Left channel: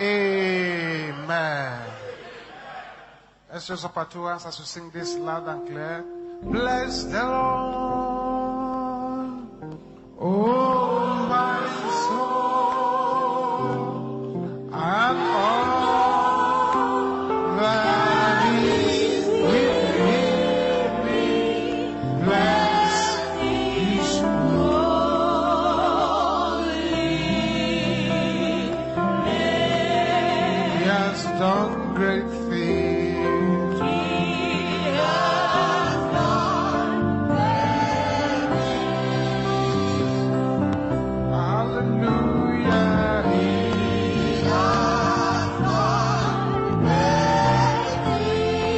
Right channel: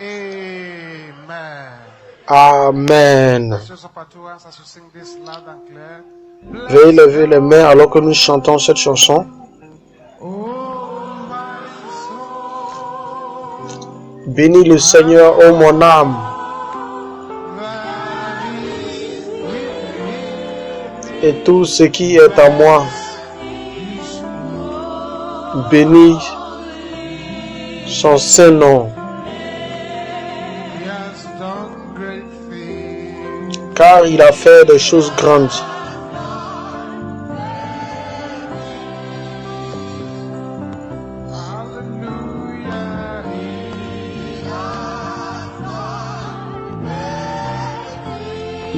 Amen. Amen. Let's just up our two hands as we sing this loud and clear. Veuillez lever les mains alors que nous chantons cette chanson. Oh my soul, Bénis le Seigneur, ô mon âme, that is within et tout ce qui est en moi. Bénis son saint nom, He has done great things. car il a fait des choses grandes. Hallelujah.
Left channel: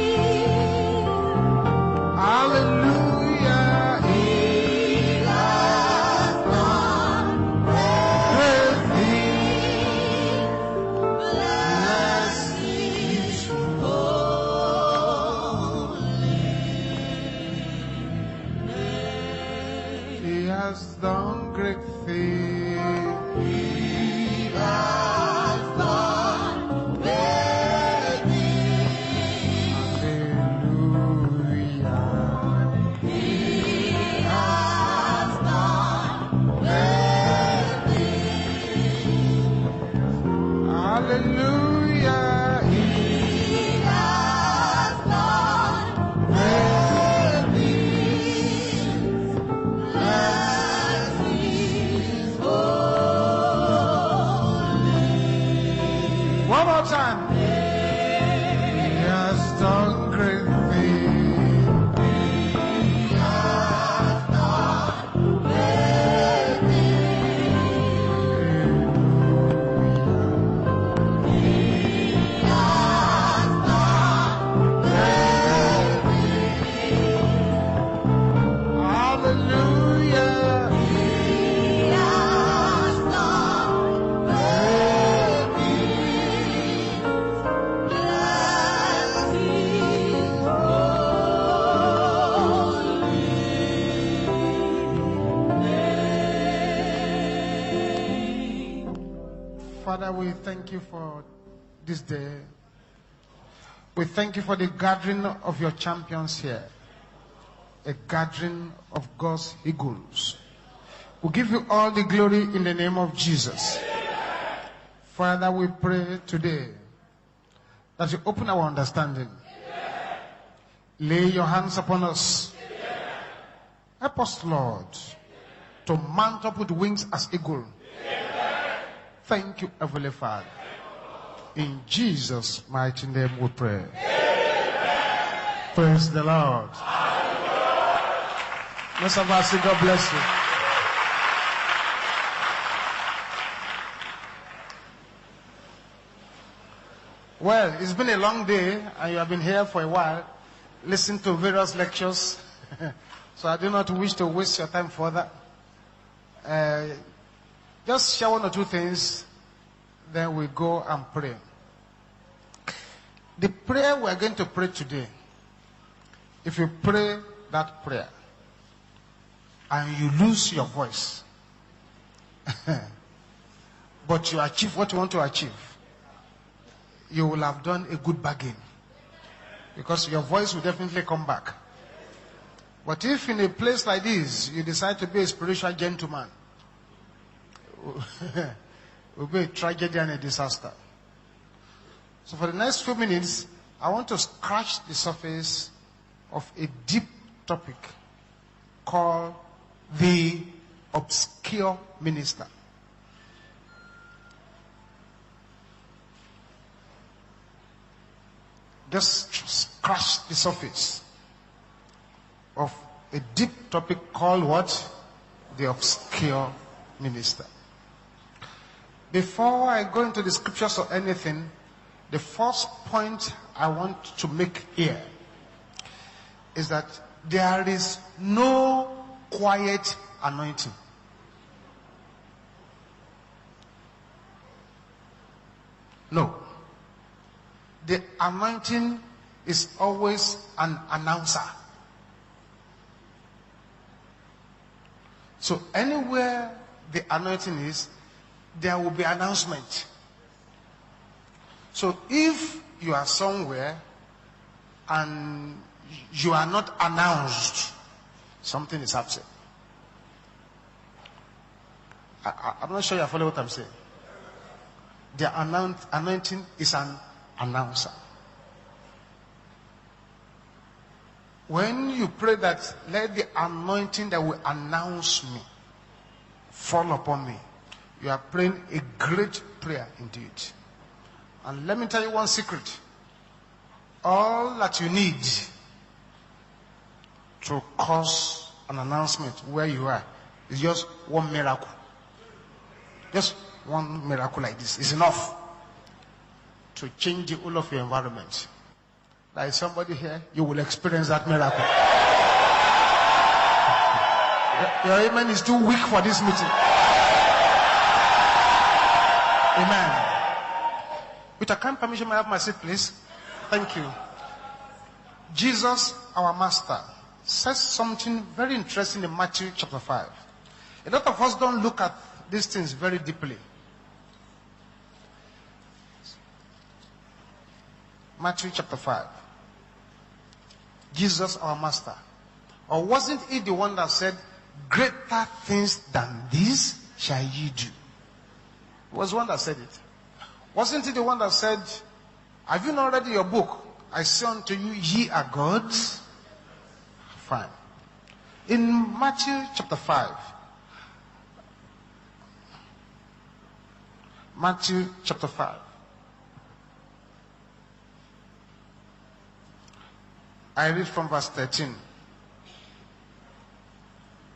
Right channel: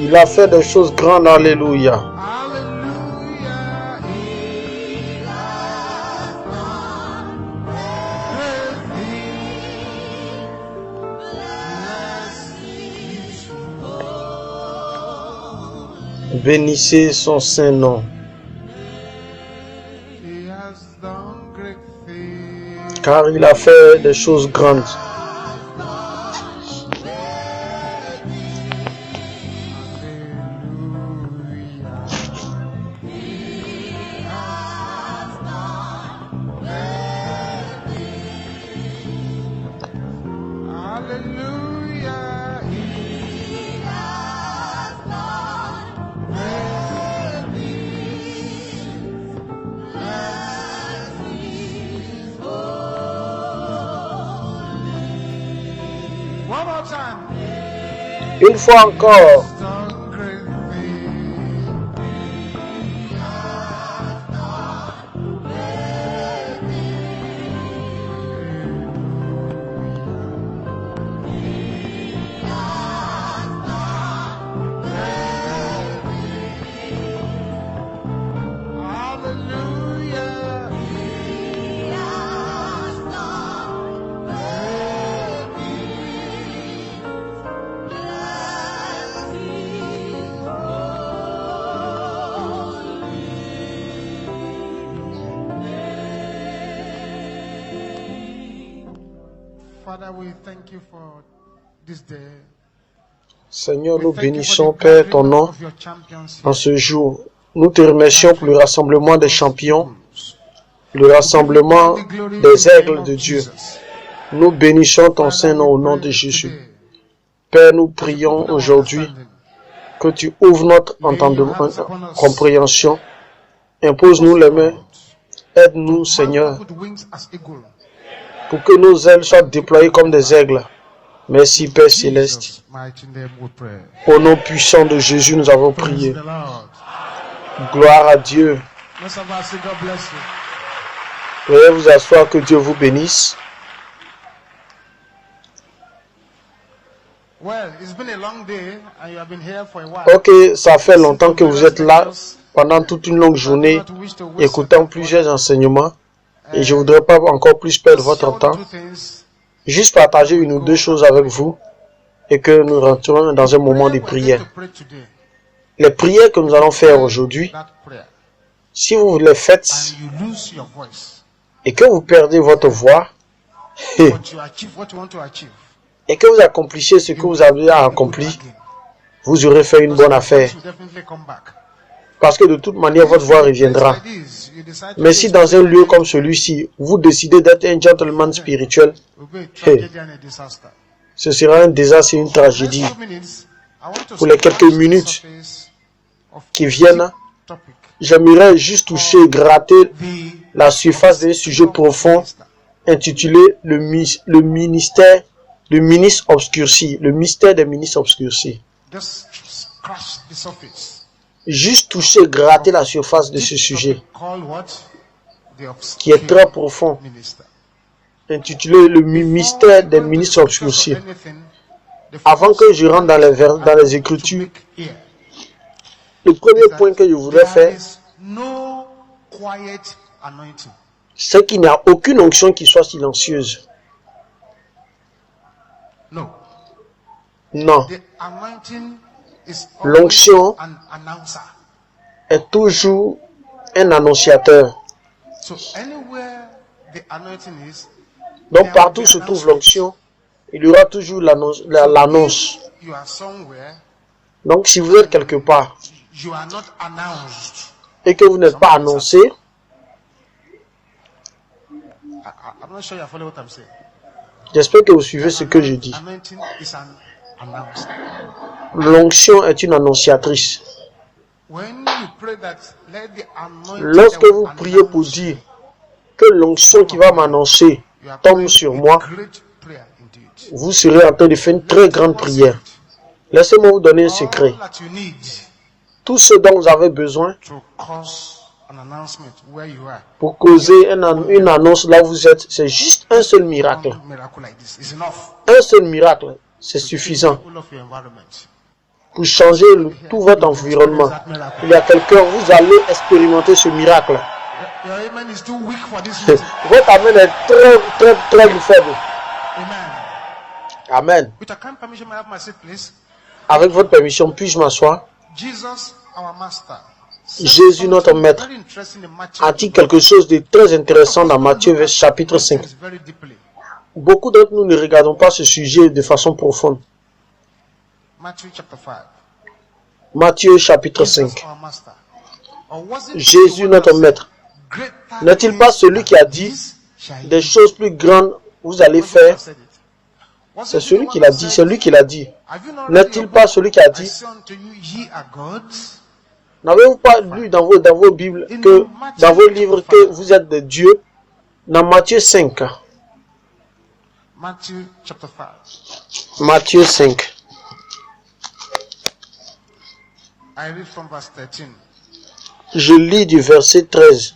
Il a fait des choses grandes, alléluia. Hallelujah. He has done great things. Blessed is your Bénissez son saint nom, He has done great things. car il a fait des choses grandes. Hallelujah. He has done great things. Blessed is holy. One more time. Une fois encore, Done great things. Hallelujah. He has done great things. Blessed is holy. Father, we thank you for this day. Seigneur, We nous thank you for bénissons, the Père, ton gathering nom of your champions en here. ce jour. Nous te remercions pour le rassemblement des champions, le We give you rassemblement all the glory in des the name aigles of de Dieu. Jesus. Nous bénissons ton Father, saint nom au we nom pray de Jésus. today Père, nous that you prions open our aujourd'hui understanding. que tu ouvres notre Lay your entendement, hands upon us. compréhension. Help Impose-nous us, les mains. Lord, Aide-nous, to mount Seigneur, up with wings as eagle. pour que nos ailes soient Thank you, déployées comme Heavenly des aigles. Merci, In Père céleste. Jesus' mighty name we pray. Au nom puissant de Jésus, nous avons Praise prié. the Lord. Gloire à Dieu. Most of us say God bless you. Veuillez vous asseoir, que Dieu vous bénisse. Well, it's been a long day and you have been here for a while. Ok, ça fait Listen longtemps to que vous various êtes là lectures. pendant toute une longue So I do journée, not wish to waste your écoutant time plusieurs further. enseignements, et je ne voudrais pas encore plus perdre Just share votre one or temps. two things. Juste partager Then we une ou go deux choses and avec pray. vous et que nous rentrons dans un moment de Prayer we're going prière. to pray today. Les prières que nous If you allons faire pray aujourd'hui, that prayer si vous les faites and you lose your voice, et que vous perdez votre voix but you achieve what you want to achieve, et que vous accomplissiez ce que you vous will avez have a good accompli, bargain. vous aurez fait une Because bonne your affaire. voice will definitely come back. Parce que de toute But manière, votre if voix in a place reviendra. like this, you decide to Mais be si a dans un spiritual lieu comme gentleman, celui-ci, vous décidez d'être un gentleman spirituel, it will be a tragedy and a disaster. ce sera un désastre et une For the next tragédie. few minutes, I want to Pour les quelques scratch the minutes surface of qui a viennent, deep topic. J'aimerais juste toucher, gratter The la surface d'un sujet obscure profond minister. intitulé le ministère, le ministre obscurci, le mystère des ministres obscurcis. Just scratch the surface. Juste toucher, gratter la surface de Deep ce sujet topic called what? The qui est très obscure profond, minister. intitulé le Before I mystère go des into the ministres scriptures or obscurcis. anything, the Avant first que je rentre dans les, point dans I les want to Écritures, make here le is premier that point que je voudrais there faire, is no quiet anointing. c'est qu'il n'y a aucune onction qui soit silencieuse. No. Non, The anointing is always l'onction an announcer. est toujours un annonciateur. So anywhere the anointing is, Donc there will partout be se trouve announcement. l'onction, Il y aura toujours l'annonce. If you are somewhere Donc, si vous êtes quelque part you are not announced, et que vous n'êtes pas annoncé, I'm not sure you follow what I'm saying. j'espère que vous suivez ce que je dis. Anointing is an announcer. L'onction est une annonciatrice. When you pray that, let the anointing Lorsque that will vous priez pour announce dire you, que l'onction qui va m'annoncer you are tombe praying sur a moi, great prayer indeed. vous serez en train de faire une Let très me tell you grande one prière. secret. Laissez-moi vous donner un secret. All that you need Tout ce dont vous avez besoin to cause an announcement where you are, pour causer just one une miracle. annonce là où vous êtes, c'est juste un seul miracle. One miracle like this is enough Un seul miracle, c'est to change suffisant the whole of your environment. pour changer tout votre environnement. Il y a quelqu'un, vous allez expérimenter ce miracle. Your amen is too weak for this meeting. Votre amen est très faible. Amen. Amen. With your kind permission, may I have my seat, please? Avec votre permission, puis-je m'asseoir? Jesus, our master, said Jésus, notre something maître, very interesting in Matthew a dit chapter quelque 5. chose de très intéressant Most dans of us don't Matthieu look at chapitre these 5. things very deeply. Beaucoup d'entre nous ne regardons pas ce sujet de façon profonde. Matthew chapter 5. Matthieu chapitre Jesus, 5. our master. Or wasn't he the Jésus, one notre that said, maître, greater n'est-il pas things celui qui a than dit these shall des ye choses plus grandes vous allez Was the one faire? that said it? C'est Wasn't he the celui one qui l'a that dit, said, c'est lui qui l'a dit. have you not read N'est-il your pas book? celui qui a I dit? say unto you, ye are gods. N'avez-vous pas lu dans vos Bibles, In que, Matthew dans vos livres, chapter que 5. vous êtes des dieux? Dans Matthieu 5. Matthew chapter 5. Matthieu 5. I read from verse 13. Je lis du verset 13.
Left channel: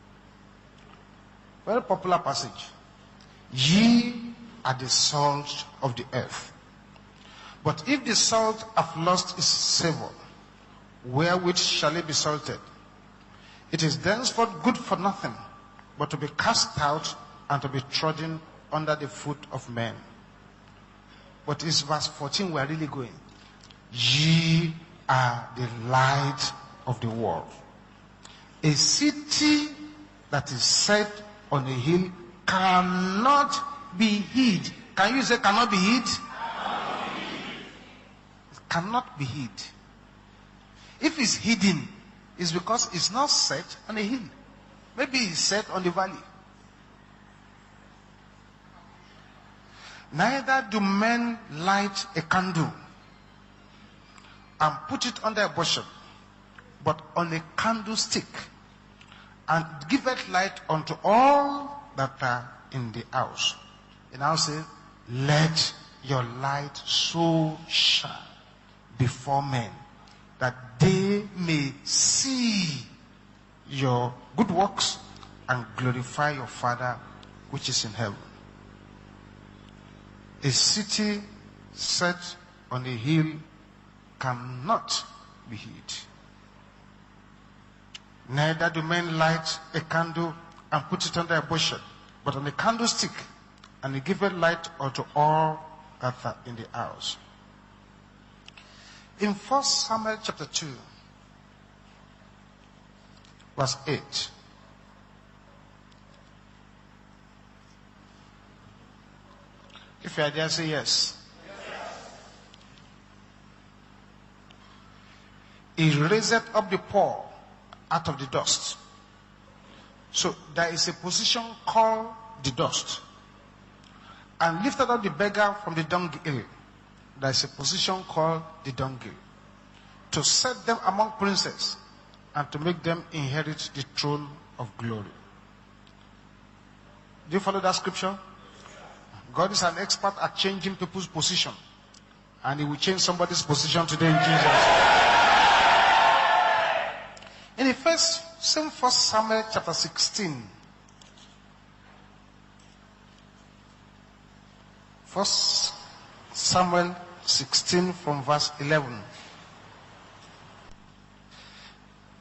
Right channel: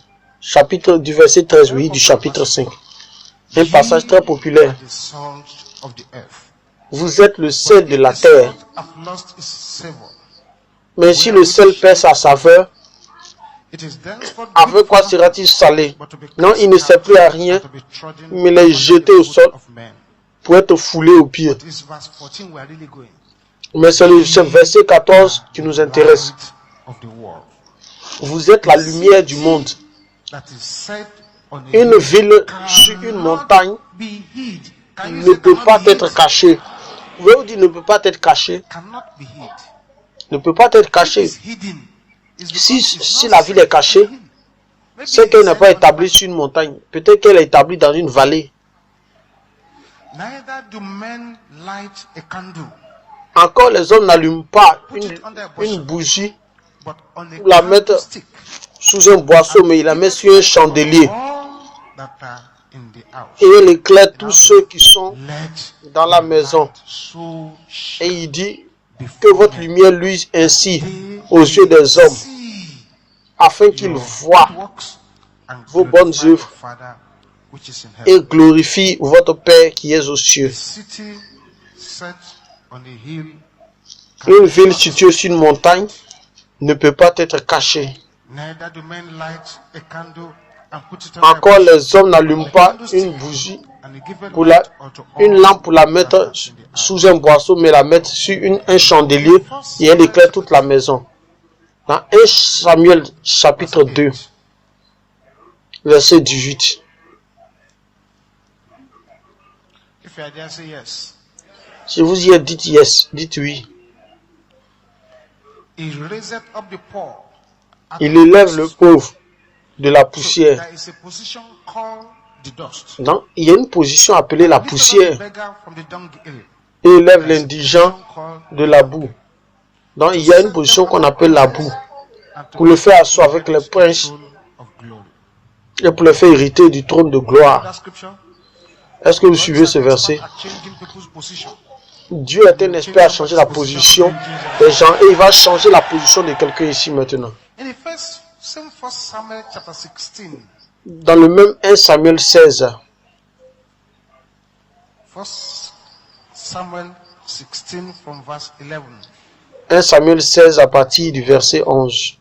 Du verset 13, Very oui, du popular chapitre passage. 5. Un passage très Ye populaire. are the salt of the earth. Vous êtes le But sel de if la the terre. salt have lost its savor, Mais si le sel perd sa saveur, it is thenceforth good avec for quoi nothing, sera-t-il salé? but to be Non, cast il ne sert out plus à rien and to be trodden mais les under jeter the au foot sol of men. pour être foulé aux pieds. But it's verse 14 we are really going. Mais c'est le verset 14 qui nous intéresse. Light of the world. Vous êtes la lumière du monde. That is set on a Une hill ville sur une cannot montagne be hid. Can you ne say peut cannot pas be hid? être cachée. Je vous dis, ne peut pas être cachée. Cannot be hid. Ne peut pas être If cachée. it's hidden, it's because Si it's not la ville est set cachée, on a hill. Maybe c'est qu'elle it's n'est set pas on a établie valley. sur une montagne. Peut-être qu'elle est établie dans une vallée. Neither do men light a candle, Encore, les hommes n'allument pas put it under a une bushel, bougie but on a la mettre candlestick, sous un boisseau, mais il la met giveth sur un light chandelier. unto all that are in the house. Et elle éclaire tous ceux qui sont Let dans la your maison. light so Et shine il dit que before votre men lumière luise ainsi they aux yeux may des hommes, see afin qu'ils your voient good works and vos bonnes glorify œuvres your Father which is in et heaven. glorifient votre Père qui est aux cieux. A city set on a hill Une ville cannot, située sur une montagne ne peut pas être cachée. neither do men light a candle and put it under a Encore, bushel, les hommes but on n'allument a pas candlestick, une bougie, and it giveth pour light unto une all lampe pour la that mettre are in the house. sous un boisseau, mais la mettre sur un chandelier et elle éclaire toute la maison. Dans 1 Samuel chapitre Verse 2, 8. verset 18. If you are there, say yes. Si vous y êtes, dites yes, dites oui. He raiseth up the poor out Il of élève dust. le pauvre de la So poussière. there is a position called the dust. Non, il y a une position appelée la And lifted up the poussière beggar from the dunghill. et élève There is a l'indigent position called de the la dunghill. boue. Donc To il y a set une position them qu'on among appelle la princes boue and to pour le make faire them asseoir avec les inherit the princes throne of glory. et pour le faire hériter du trône de You follow gloire. that scripture? Est-ce que vous God suivez is ce an verset? expert at changing people's position. Dieu est un expert à changer la position des gens et il va changer la position de quelqu'un ici maintenant. In the same first Samuel chapter 16, Dans le même 1 Samuel 16, First Samuel 16 from verse 11. 1 Samuel 16 à partir du verset 11.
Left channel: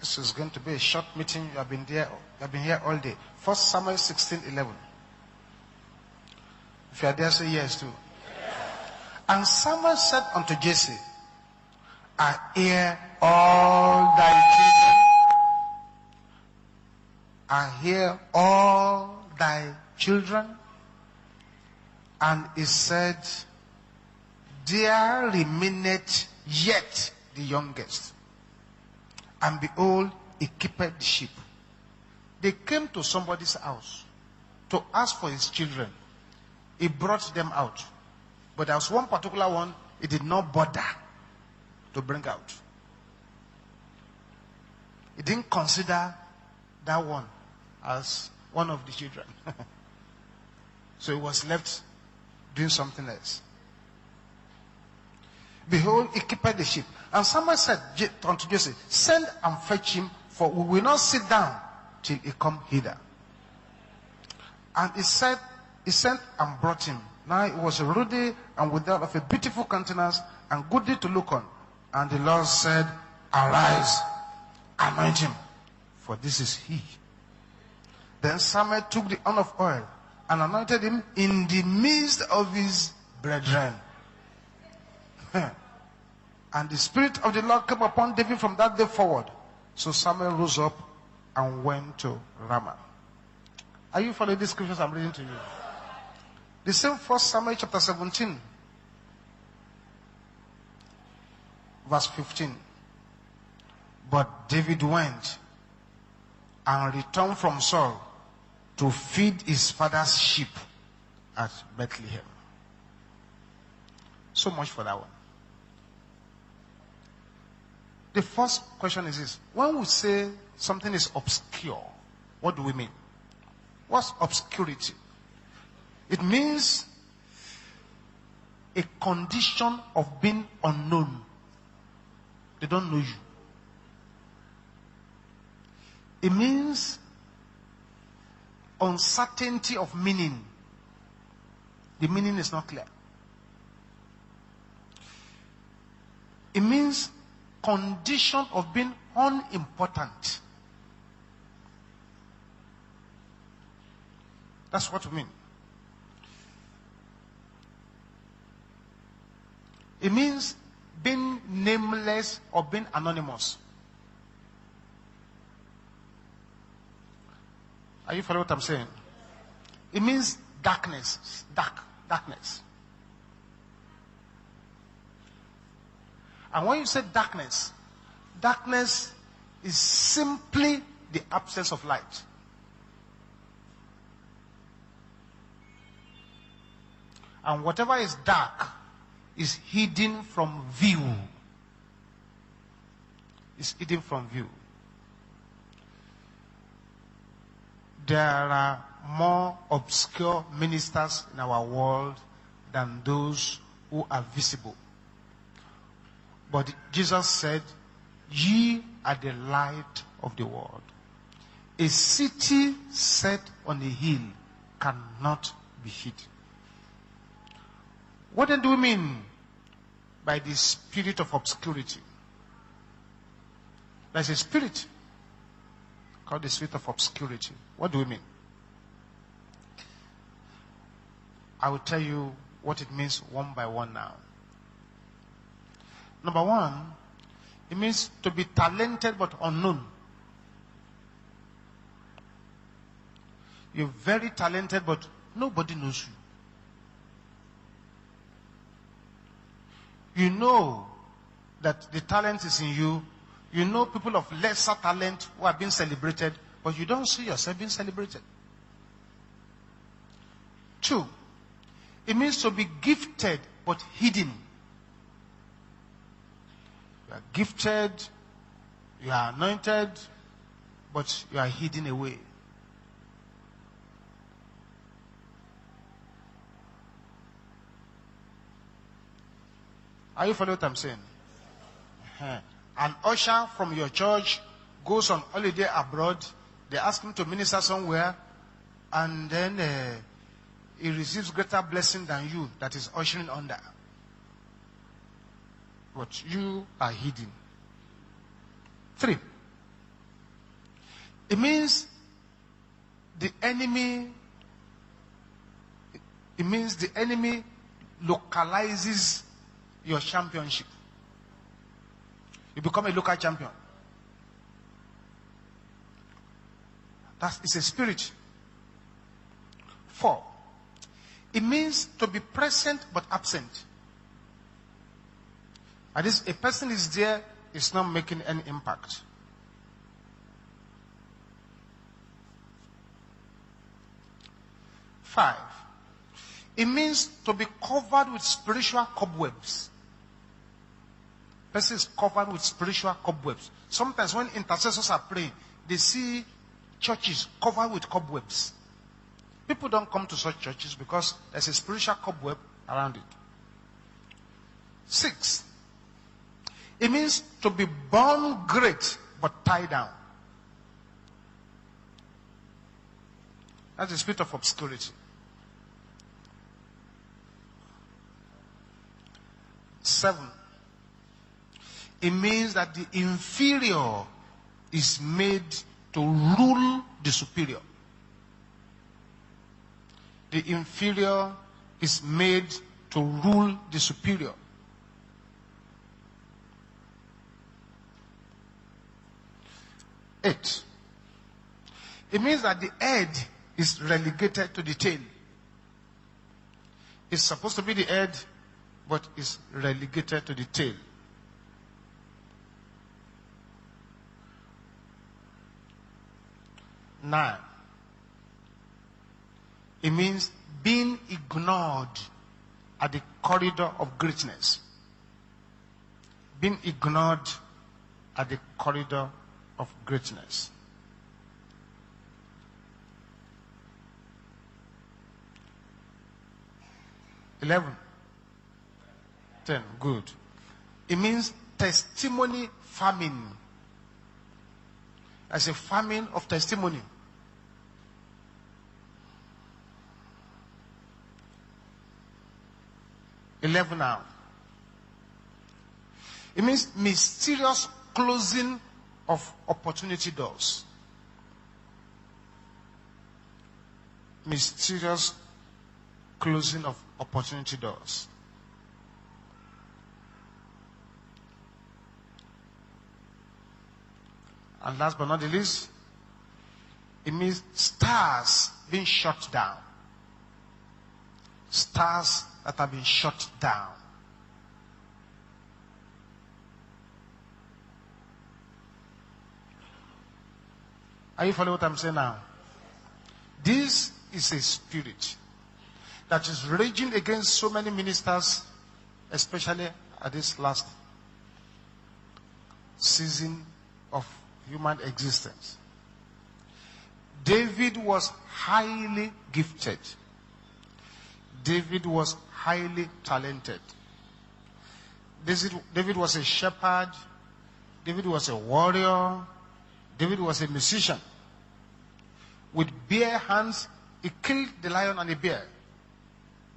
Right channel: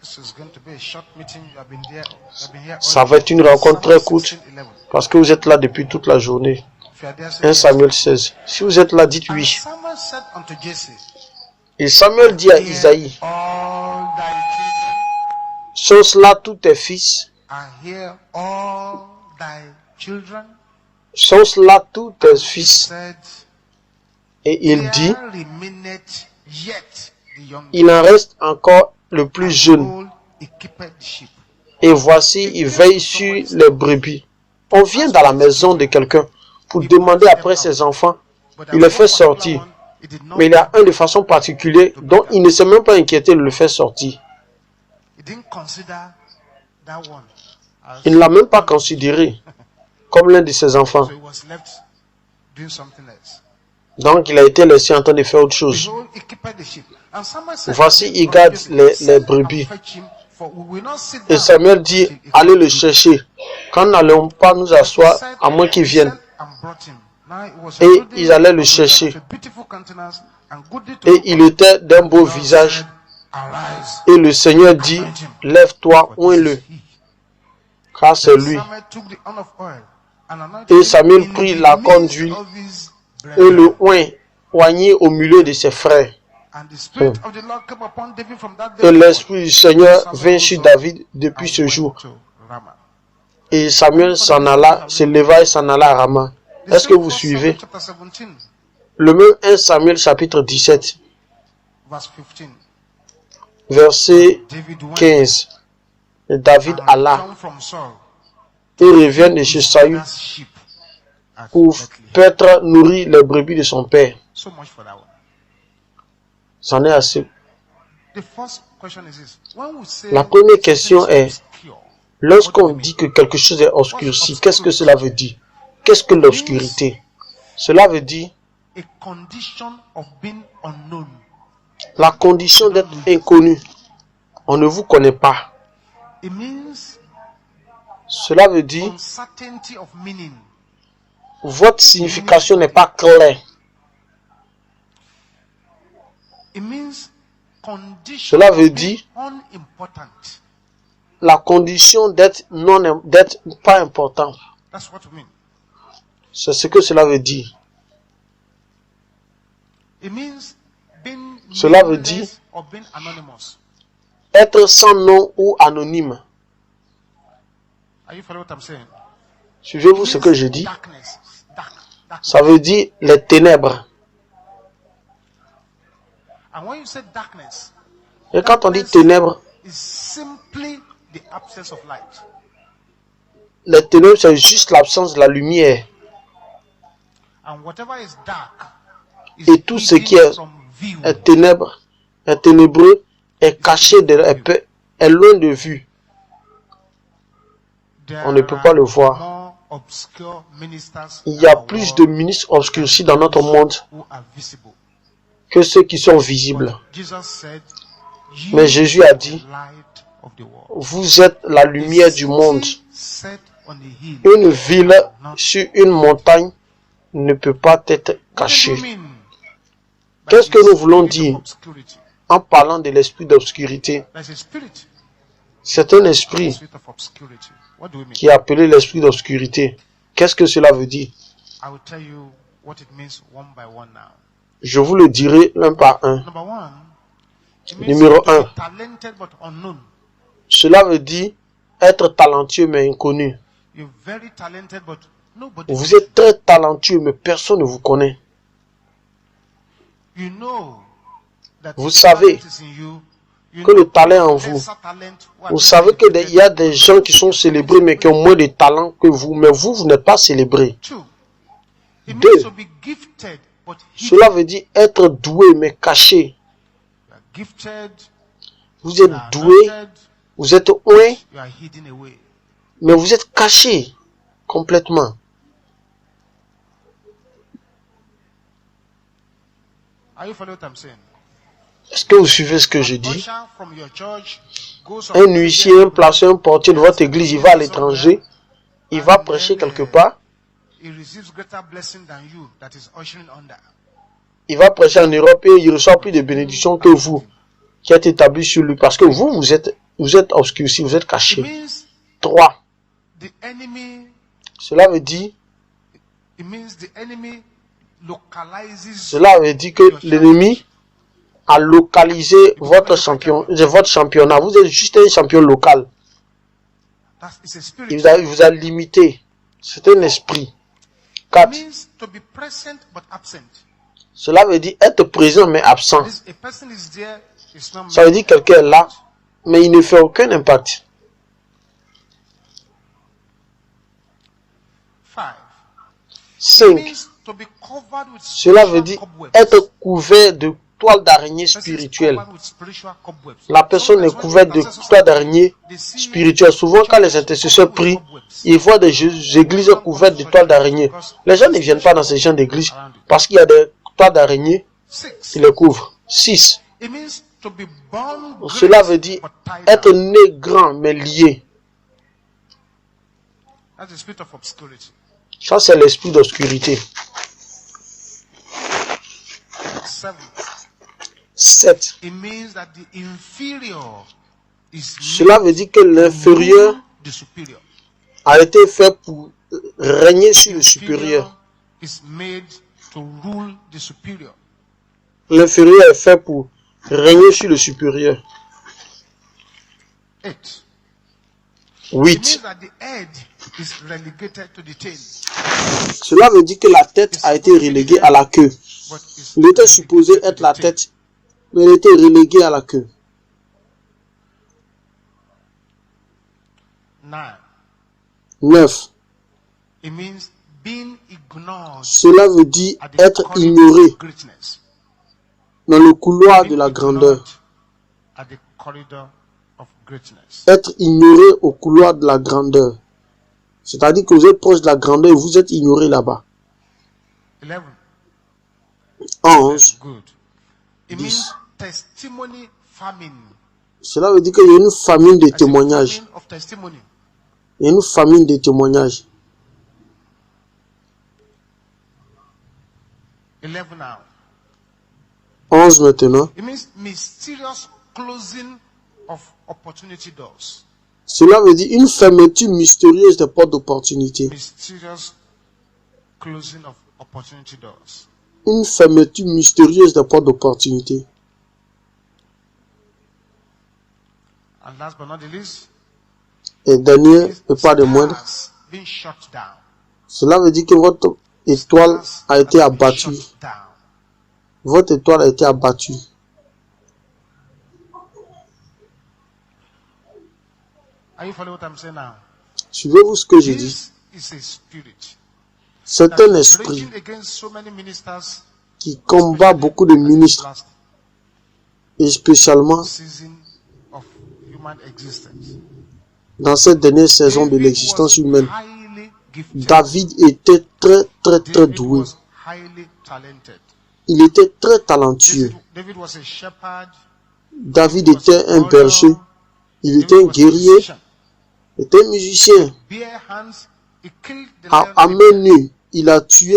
This is going to be a short meeting. You have been there. You have been here all Ça day. va être une rencontre Samuel très courte 16, 11. parce que vous êtes là depuis toute la journée. If you are there, say 1 yes. Samuel 16. Si vous êtes là, dites And oui. Samuel said unto Jesse, Et Samuel dit à Hear Isaïe, all thy children, sont cela tous tes fils? and hear all thy children. Sont-ce là tous tes And he fils? said, Et il dit, there remaineth yet the youngest. il en reste encore le plus And jeune. behold, he keepeth the sheep. Et voici, il veille sur les brebis. On vient dans la maison de quelqu'un pour demander après ses enfants. But Il les fait sortir. Mais il y a un de façon particulière dont il ne s'est même pas inquiété de le faire sortir. He didn't consider that one as Il ne l'a même pas one of his. considéré comme l'un de ses enfants. So he was left doing something else. Donc il a été laissé en train de faire autre chose. Behold, he keepeth the sheep. And Samuel said, Voici, il from garde Jesse, les "Send and brebis." fetch him, for we will not sit Et down Samuel dit, till he allez come le to thee." chercher. Quand nous n'allons pas nous And he asseoir, said- à moins qu'il he vienne. sent and brought him. Now it was a Et ruddy ils allaient le and chercher. of a beautiful countenance and goodly to Et look il on. était d'un And the beau Lord visage. said, "Arise, Et le Seigneur dit, lève-toi, for oins-le, this is he." car c'est Then lui. Samuel took the horn of oil and anointed Et him Samuel in prit the la corne midst d'huile of his Et le brethren. oignit au milieu de ses frères. And the spirit of the Lord came upon David from that day Et forward. l'esprit du Seigneur So Samuel vint rose sur up David depuis and ce went jour. to Ramah. Et Samuel s'en alla, se leva et s'en alla à Rama. The Est-ce que same vous 1 suivez? Samuel chapter 17, Le même 1 Samuel chapitre 17, verse 15. verset But David went 15. Et David and alla returned from Saul et to revient feed de chez his Saül father's sheep at pour Bethlehem. peut-être nourrir les brebis de son père. So much for that one. C'en est assez. The first question is this. When we say La première something question is est, obscure, what do lorsqu'on we mean? dit que quelque chose est obscurci, qu'est-ce que obscurity? cela veut dire? Qu'est-ce que It l'obscurité? Cela veut dire A condition of being unknown. la condition You don't d'être know you. inconnu. On ne vous connaît pas. It means Cela veut dire uncertainty of meaning. votre signification n'est pas claire. It means condition Cela veut of being dire unimportant. la condition d'être d'être pas important. That's what we mean. C'est ce que cela veut dire. It means being Cela veut nameless or being anonymous. Être sans nom ou anonyme. Are you following what I'm saying? Suivez-vous It ce means que je dis? darkness. Darkness. Ça veut dire les ténèbres. And when you say darkness, Et quand on dit darkness ténèbres, is simply the absence of light. les ténèbres c'est juste l'absence de la lumière. And whatever is dark is Et tout ce qui hidden from view. est ténèbre, est ténébreux, est caché, est loin de vue. There On ne peut pas le voir. more obscure ministers Il y a in our plus world de ministres obscurcis dans notre those monde who are visible. que ceux qui sont visibles. But Jesus said, "Ye Mais Jésus a are dit, the light of the world." Vous êtes la A lumière du city monde. set on a hill Une ville cannot- sur une montagne ne peut pas être What do cachée. you mean by Qu'est-ce que the nous voulons spirit of dire obscurity? en parlant de l'esprit d'obscurité? There's a spirit C'est un called the esprit spirit of obscurity. What do we mean? qui est appelé l'esprit d'obscurité. Qu'est-ce que cela veut dire? I will tell you what it means one by one now. Je vous le dirai un par un. Number one, it means Numéro to un. be talented but unknown. Cela veut dire être talentueux mais inconnu. You're very talented but nobody Vous knows êtes très talentueux mais personne ne vous connaît. you. You know that Vous the savez talent is in you. You que know le talent est en lesser vous. talent who are Vous being savez celebrated, qu'il y a des but you gens don't qui see sont yourself being célébrés mais qui ont celebrated. moins de talent que vous. Mais vous n'êtes pas célébré. Two, it Deux. means to be gifted but Cela hidden. veut dire être doué mais caché. You are gifted, Vous you êtes are doué, anointed, vous êtes oint, you are hidden away. mais vous êtes caché complètement. Are you following what I'm saying? Est-ce que vous suivez ce que je An dis? usher from your church goes on Un holiday huissier, un abroad, placé, un portier de he votre has to église, il minister va à l'étranger, il va and prêcher then, quelque part, he receives greater blessing than you that is ushering under. il va prêcher en Europe et il reçoit plus de But bénédictions you que are vous, hidden. qui êtes établi sur lui, parce que vous êtes obscurci, vous êtes It caché. means 3. the enemy, Cela veut dire localizes Cela veut dire que your l'ennemi championship. a localisé become a local votre championnat. Vous êtes juste un champion local. It's a spirit. Il vous a limité. C'est un esprit. 4. means to be present but absent. Cela veut dire être présent mais absent. That is, a person is there, is not Ça veut dire making quelqu'un est là, impact. mais il ne fait aucun impact. 5. It 5. means to be covered with Cela veut spiritual dire cobwebs. être couvert de toile d'araignée Person is spirituelle. covered with spiritual cobwebs. La personne est Sometimes when couverte de intercessors toile are praying, d'araignée they see spirituelle. Souvent, quand les churches intercesseurs covered with prient, cobwebs. ils voient des églises couvertes de toiles d'araignée. Les gens ne viennent pas dans ces gens d'église parce qu'il y a des toiles d'araignée 6. qui les couvrent. 6. It means to be born Cela great veut dire but tied être down. né grand mais lié. That's the spirit of obscurity. Ça, c'est l'esprit d'obscurité. 7. 7. It means that the inferior is Cela made veut dire que to l'inférieur rule the superior. a été fait pour régner The sur le supérieur. inferior is made to rule the superior. L'inférieur est fait pour régner sur le supérieur. 8. It 8. means that the head is relegated to the tail, Cela veut dire que la tête a été reléguée à la queue. but is Il était supposé relegated être to la the tail. tête, mais il était relégué à la queue. 9. 9. It means being ignored Cela veut dire at the être corridor ignoré of greatness. dans le couloir de Being la grandeur. ignored at the corridor of greatness. Être ignoré au couloir de la grandeur. C'est-à-dire que vous êtes proche de la grandeur et vous êtes ignoré là-bas. 11. 11. That's good. It means testimony famine. Cela veut dire qu'il y a une famine de I say témoignages. famine of testimony. Il y a une famine de témoignages. 11 now. 11 maintenant. It means mysterious closing of opportunity doors. Cela veut dire une fermeture mystérieuse des portes d'opportunité. Mysterious closing of opportunity doors. Une fermeture mystérieuse des portes d'opportunité. And last but not the least, Et dernier, is et pas de moindre, stars being shut down. cela veut dire que votre étoile Stars a été that have been abattue. shut down. Votre étoile a été abattue. Are you following what I'm saying now? Suivez-vous ce que je dis. This is a spirit C'est that un is esprit raging against so many ministers, qui combat especially beaucoup de at this ministres, last et spécialement season of human existence. dans cette dernière saison de David l'existence was humaine. highly gifted. David était très David doué. was highly talented. Il était très talentueux. David was a shepherd. David was a était un warrior. berger. Il David était un was a guerrier. musician. Il était un musicien. With bare hands, he killed the lion À and the main bear. nue, il a tué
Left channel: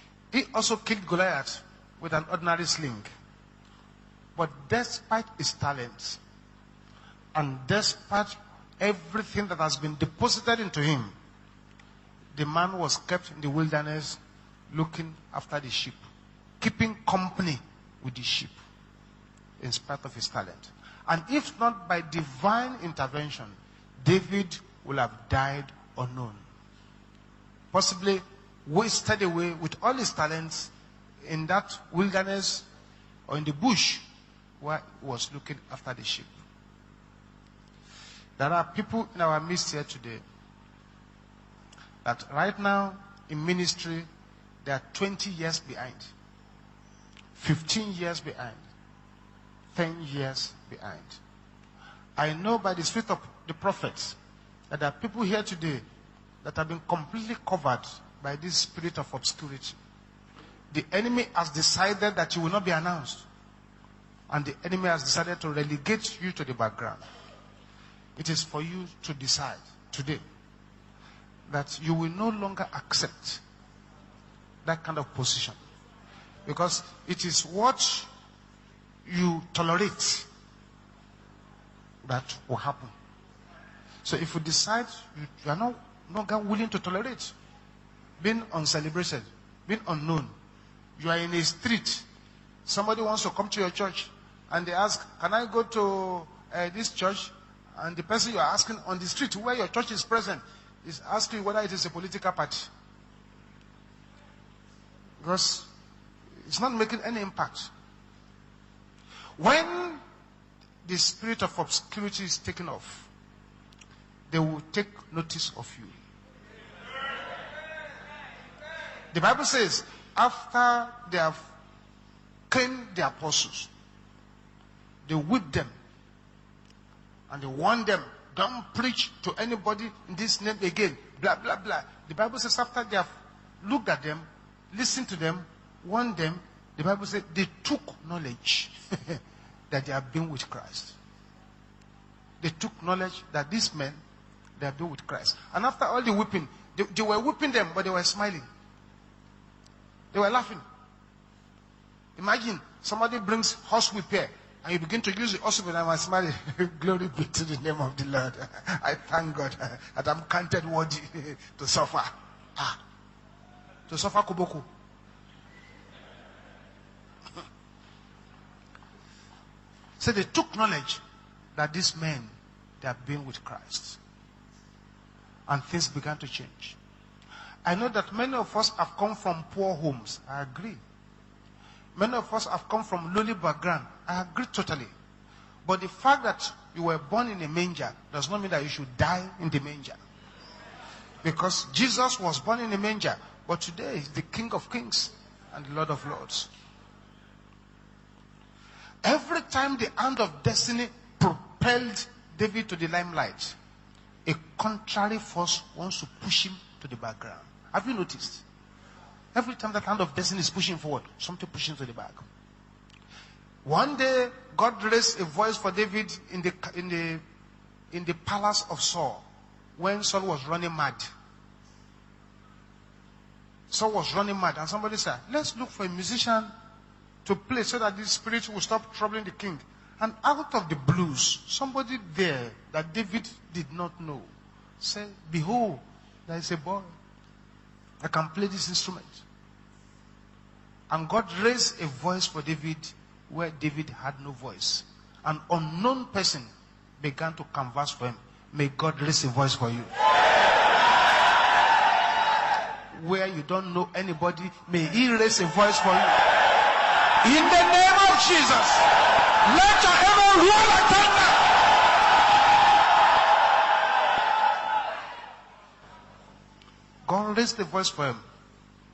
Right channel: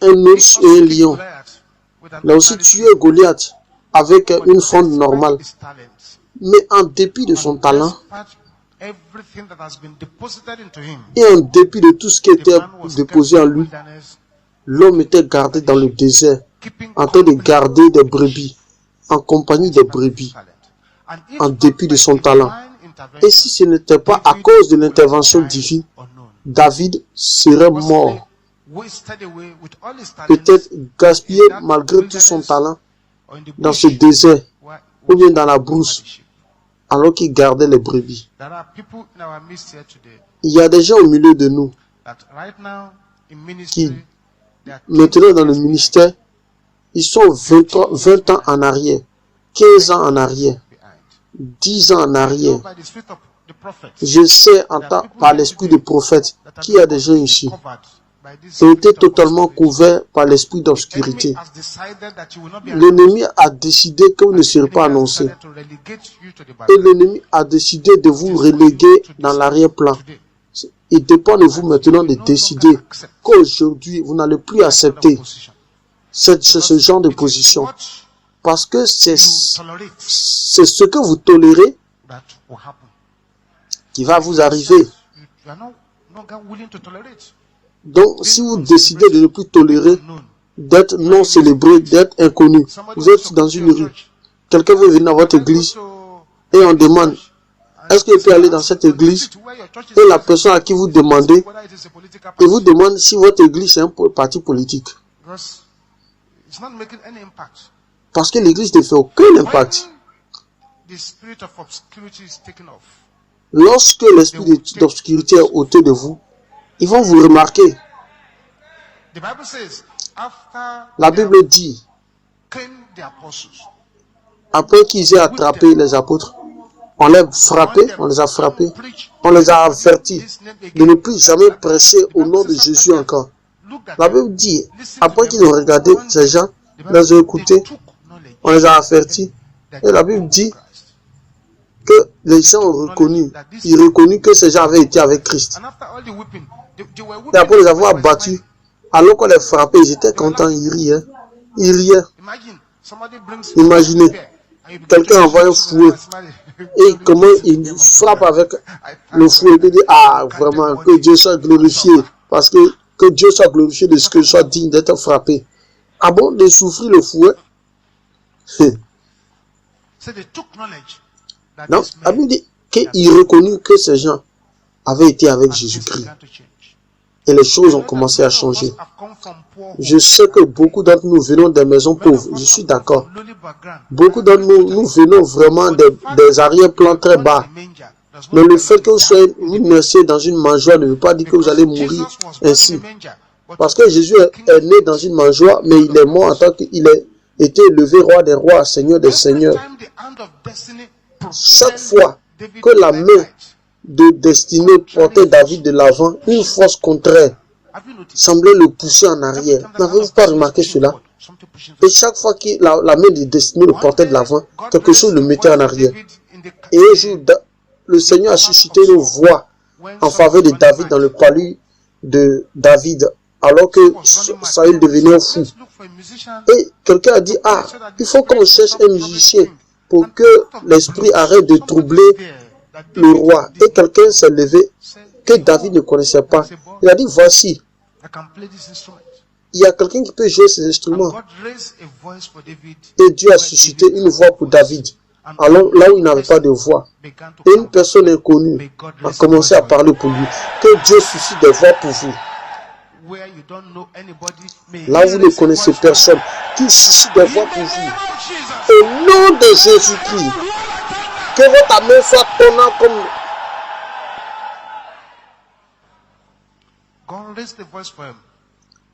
un He ours et also un killed lion. Goliath with an Il a aussi ordinary tué sling. Goliath avec But une fronde despite normale. his talents, Mais en dépit de son and talent despite everything that has been deposited into him, et en dépit de tout ce qui the était man was kept déposé in en the lui, wilderness, l'homme était gardé dans le désert, keeping en train de company garder des with brebis, en compagnie des despite of his brebis, talent. And if en not dépit de by son divine talent. intervention, Et si ce n'était pas à David cause de would have l'intervention died divine, unknown. David serait mort, Possibly wasted away with all his peut-être talents gaspillé in that malgré tout son wilderness talent or in the dans bush, ce désert, where ou bien was dans la looking brousse. after the sheep. alors qu'il gardait les brebis. There are people in our midst here today Il y a des gens au milieu de nous, that right now in ministry, they are maintenant 20 dans le years ministère, ils sont 20 ans en arrière, 15 ans en arrière, behind. 10 ans en I know arrière. by the spirit of the prophets Je sais en there are tant, people par here l'esprit today des prophètes that have qu'il y a been des gens completely ici covered by this qui ont été spirit of totalement obscurity. couverts par l'esprit The d'obscurité. enemy has decided that you will not be announced. L'ennemi a décidé que vous And ne the serez pas enemy has annoncé. decided to relegate you to the Et background. l'ennemi a décidé de It vous is for reléguer you to dans decide l'arrière-plan. today Il dépend de that vous you maintenant will de no décider longer accept qu'aujourd'hui, vous n'allez plus that kind of accepter position. ce Because genre de it is position. what Parce que you c'est tolerate ce que vous tolérez that will happen. qui So va if vous you arriver. decide you are no longer willing to tolerate, Donc, si being vous décidez de ne plus being tolérer, unknown. d'être non célébré, d'être inconnu, Somebody vous wants to êtes dans come to une your rue, church quelqu'un and veut ask, venir dans votre "Can I go église to et on this demande, church?" Est-ce que vous pouvez aller dans cette église et la personne à qui vous demandez, et vous demande si votre église est un parti politique? Parce que l'église ne fait aucun impact. Lorsque l'esprit d'obscurité est ôté de vous, ils vont vous remarquer. La Bible dit, après qu'ils aient attrapé les apôtres, on les a frappés, on les a avertis de ne plus jamais prêcher au nom de Jésus encore. La Bible dit, après qu'ils ont regardé ces gens, les ont écoutés, on les a avertis. Et la Bible dit que les gens ont reconnu, ils ont reconnu que ces gens avaient été avec Christ. Et après les avoir battus, alors qu'on les frappait, ils étaient contents, ils riaient. Ils riaient. Imaginez, quelqu'un envoie un fouet et comment il frappe avec le fouet et dit, ah vraiment, que Dieu soit glorifié, parce que Dieu soit glorifié de ce que je sois digne d'être frappé. Ah bon, de souffrir le fouet? Non, la Bible dit qu'il reconnut que ces gens avaient été avec Jésus-Christ. Et les choses ont commencé à changer. Je sais que beaucoup d'entre nous venons des maisons pauvres, je suis d'accord. Beaucoup d'entre nous venons vraiment des arrière-plans très bas. Mais le fait que vous naissez dans une mangeoire ne veut pas dire que vous allez mourir ainsi. Parce que Jésus est né dans une mangeoire, mais il est mort en tant qu'il a été élevé roi des rois, seigneur des seigneurs. Chaque fois que la main de destinée portait David de l'avant, une force contraire semblait le pousser en arrière. N'avez-vous pas remarqué cela? Et chaque fois que la main de destinée le portait de l'avant, quelque chose le mettait en arrière. Et un jour, le Seigneur a suscité une voix en faveur de David dans le palais de David, alors que Saül devenait fou. Et quelqu'un a dit, ah, il faut qu'on cherche un musicien pour que l'esprit arrête de troubler le roi. Et quelqu'un s'est levé que David ne connaissait pas. Il a dit, voici, il y a quelqu'un qui peut jouer ces instruments. Et Dieu a suscité une voix pour David. Alors là où il n'avait pas de voix, et une personne inconnue a commencé à parler pour lui. Que Dieu suscite des voix pour vous. Là où vous ne connaissez personne, qu'il suscite des voix pour vous. Au nom de Jésus-Christ, que votre amour soit tournant comme...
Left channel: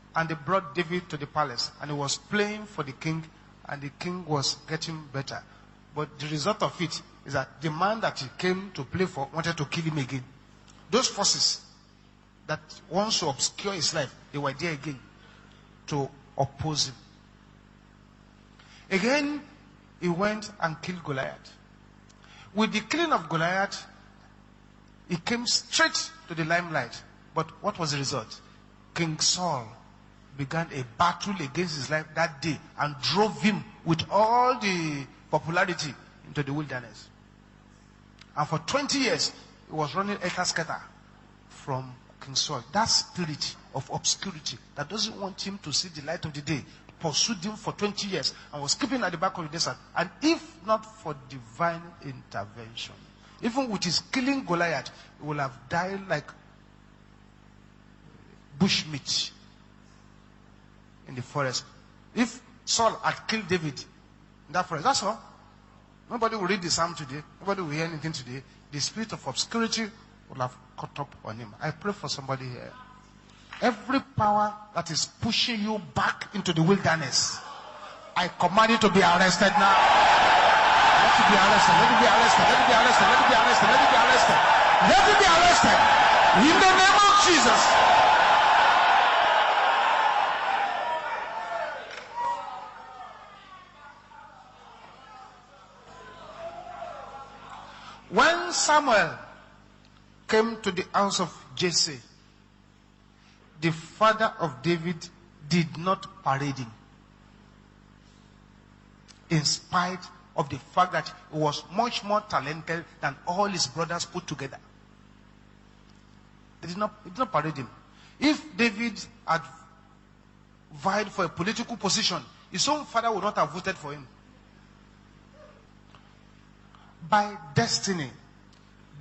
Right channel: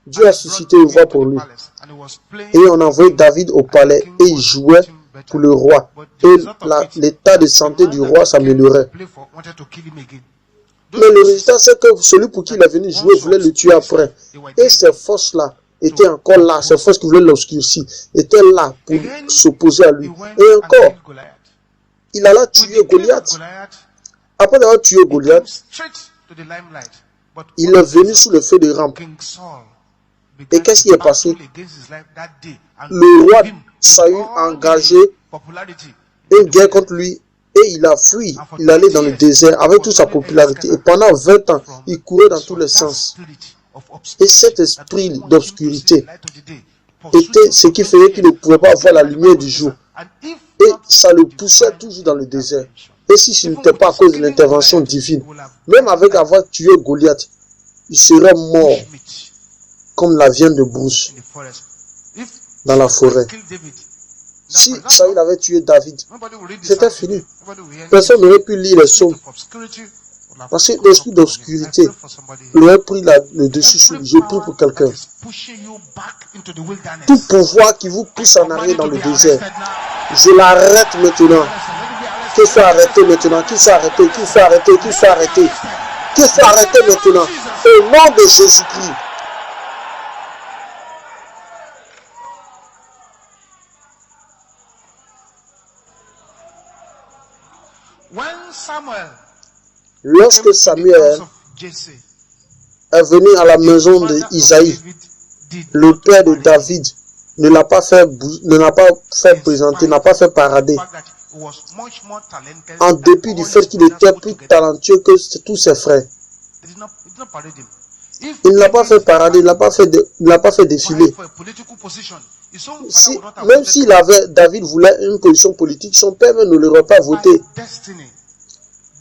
Dieu a suscité une voix pour lui. Et on a envoyé David au palais et il jouait pour le roi. Et l'état de santé du roi s'améliorait. Mais le résultat, c'est que celui pour qui il est venu jouer voulait le tuer après. Et ces forces-là étaient encore là. Ces forces qui voulaient l'obscurcir étaient là pour s'opposer à lui. Et encore, il alla tuer Goliath. Après avoir tué Goliath, il est venu sous le feu de rampe. Et qu'est-ce qui est passé? Le roi Saül a engagé une guerre contre lui et il a fui. Il allait dans le désert avec toute sa popularité. Et pendant 20 ans, il courait dans tous les sens. Et cet esprit d'obscurité était ce qui faisait qu'il ne pouvait pas voir la lumière du jour. Et ça le poussait toujours dans le désert. Et si ce n'était pas à cause de l'intervention divine, même avec avoir tué Goliath, il serait mort comme la viande de brousse dans la forêt. Si Saül avait tué David, c'était fini. Personne n'aurait pu lire les psaumes. Parce que l'esprit d'obscurité aurait pris le dessus sur lui. Je prie pour quelqu'un. Tout pouvoir qui vous pousse en arrière dans le désert, je l'arrête maintenant. Qu'il faut arrêter maintenant. Qu'il faut arrêter. Qu'il faut arrêter. Qu'il faut arrêter. Qu'il faut arrêter maintenant. Au nom de Jésus-Christ. Lorsque Samuel est venu à la maison d'Isaïe, le père de David ne l'a pas fait présenter, n'a pas fait parader. En dépit du fait qu'il était plus talentueux que tous ses frères. Il ne l'a pas fait parader, il ne l'a pas fait défiler. Même si David voulait une position politique, son père ne l'aurait pas voté.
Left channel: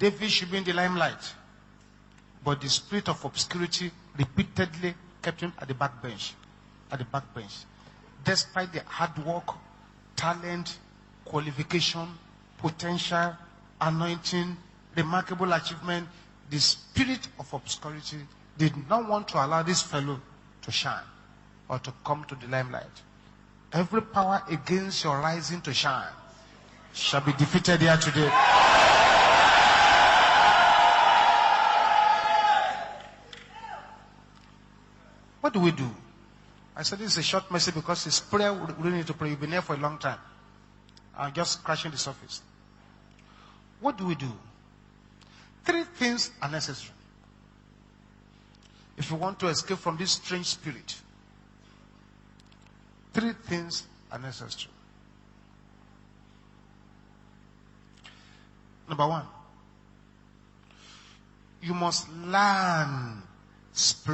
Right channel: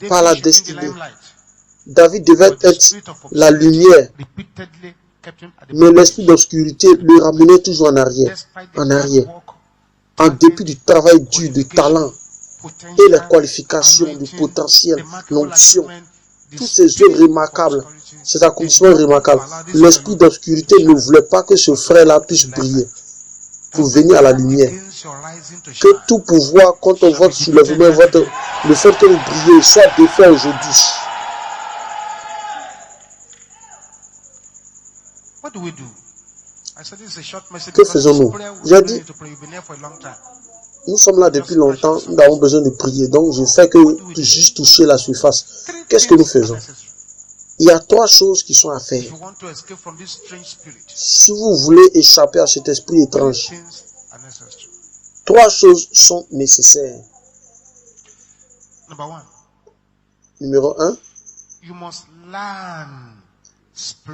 par la destinée. David devait être la lumière, mais l'esprit d'obscurité le ramenait toujours en arrière, en dépit du travail dur, du talent et les qualifications, du potentiel, l'onction, toutes ces œuvres remarquables, ces accomplissements remarquables. L'esprit d'obscurité ne voulait pas que ce frère-là puisse briller pour venir à la lumière. Que tout pouvoir contre votre soulèvement, le fait que vous brillez soit défait aujourd'hui. Que faisons-nous? J'ai dit, nous sommes là depuis longtemps, nous avons besoin de prier. Donc, je fais que juste toucher la surface. Qu'est-ce que nous faisons? Il y a 3 choses qui sont à faire. Si vous voulez échapper à cet esprit étrange, 3 choses sont nécessaires. Numéro 1, vous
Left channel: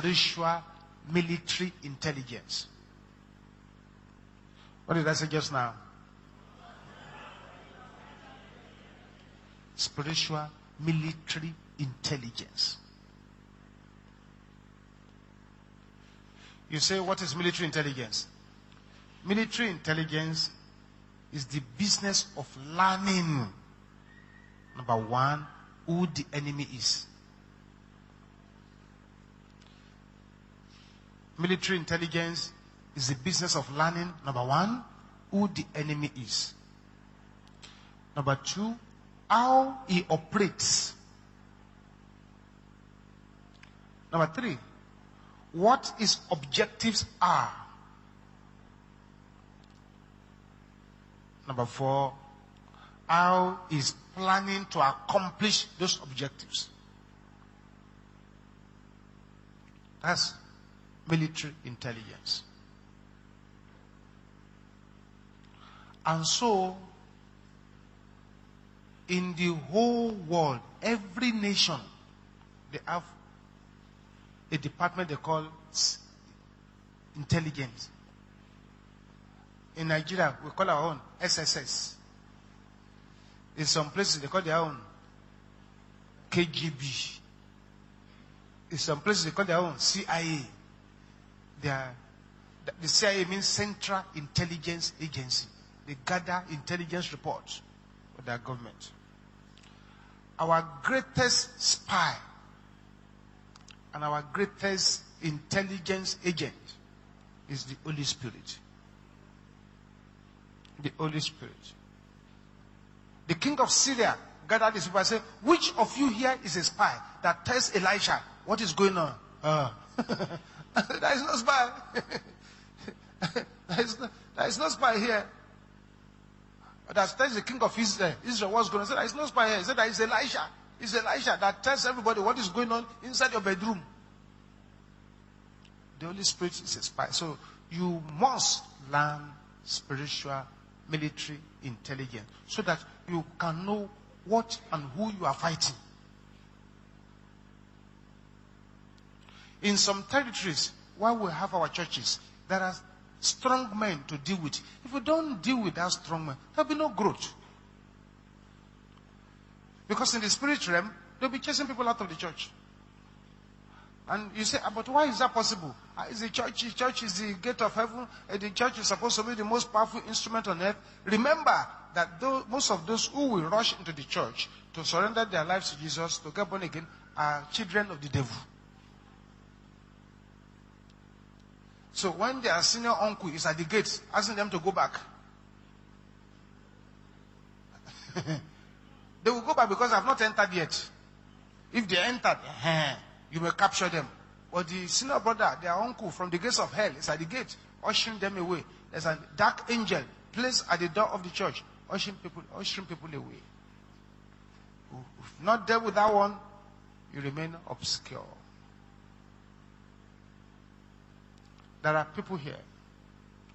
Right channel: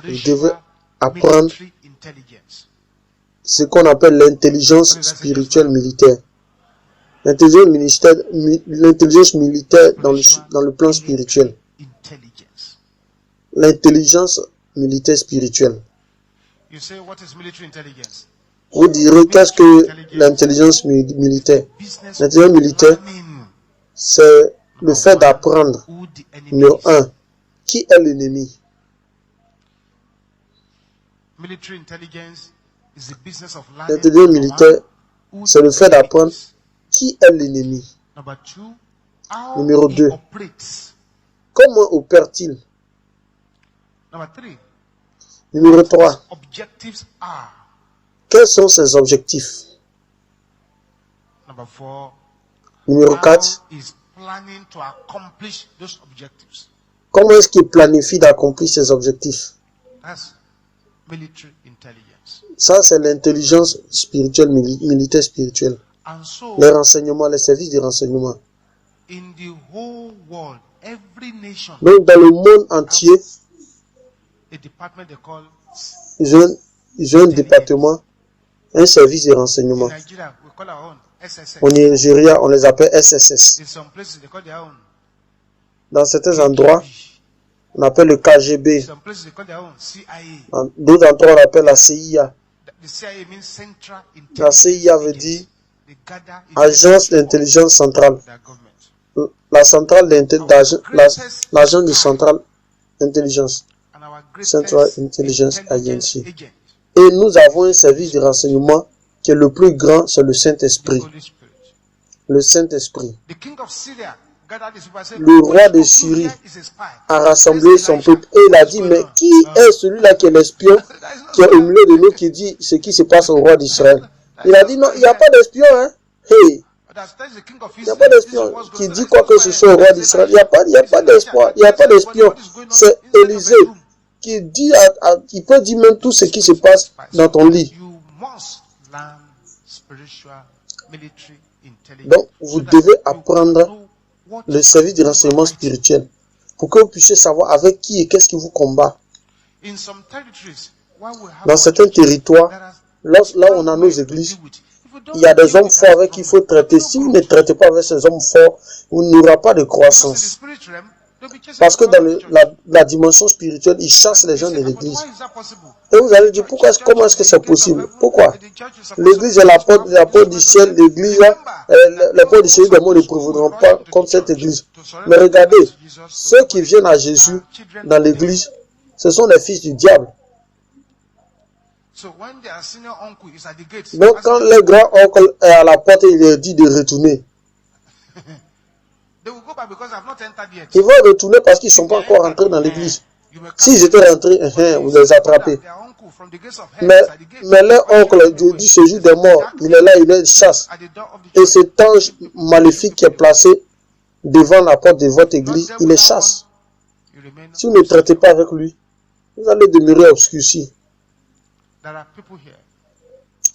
devez apprendre ce qu'on appelle l'intelligence spirituelle militaire. L'intelligence militaire dans le plan spirituel. L'intelligence militaire spirituelle. Vous direz, qu'est-ce que l'intelligence militaire? L'intelligence militaire, c'est le fait d'apprendre. Numéro 1, qui est l'ennemi? L'intelligence militaire, c'est le fait d'apprendre qui est l'ennemi. Numéro 2, comment opère-t-il? Numéro 3, quels sont ses objectifs? Numéro 4, comment est-ce qu'il planifie d'accomplir ses objectifs? Ça, c'est l'intelligence spirituelle, militaire spirituelle. Les renseignements, les services de renseignement. Donc, dans le monde entier, ils ont un département, un service de renseignement. Au Nigeria, on les appelle SSS. Dans certains endroits, on appelle le KGB. Dans d'autres endroits, on appelle la CIA. La CIA veut dire Agence d'intelligence centrale. La centrale d'intelligence, l'agence de centrale d'intelligence. Central Intelligence Agency. Et nous avons un service de renseignement qui est le plus grand, c'est le Saint-Esprit. Le Saint-Esprit. Le roi de Syrie a rassemblé son peuple et il a dit, mais qui est celui-là qui est l'espion qui est au milieu de nous qui dit ce qui se passe au roi d'Israël? Il a dit, non, il n'y a pas d'espion, hein? Hey. Il n'y a pas d'espion qui dit quoi que ce soit au roi d'Israël. Il n'y a pas d'espoir, il n'y a pas d'espion. C'est Élisée qui dit, qui peut dire même tout ce qui se passe dans ton lit. Donc, vous devez apprendre le service de renseignement spirituel pour que vous puissiez savoir avec qui et qu'est-ce qui vous combat. Dans certains territoires, là où on a nos églises, il y a des hommes forts avec qui il faut traiter. Si vous ne traitez pas avec ces hommes forts, vous n'aurez pas de croissance. Parce que dans la dimension spirituelle, ils chassent les gens de l'église. Et vous allez dire, comment est-ce que c'est possible? Pourquoi? L'église est la porte du ciel, l'église, les portes du ciel, les mots ne prévaudront pas comme cette église. Mais regardez, ceux qui viennent à Jésus dans l'église, ce sont les fils du diable. Donc quand le grand oncle est à la porte, il leur dit de retourner. Ils vont retourner parce qu'ils ne sont pas encore rentrés dans l'église. S'ils étaient rentrés, vous les attrapez. Mais leur oncle, du séjour des morts, il est là, il les chasse. Et cet ange maléfique qui est placé devant la porte de votre église, il les chasse. Si vous ne traitez pas avec lui, vous allez demeurer obscurci.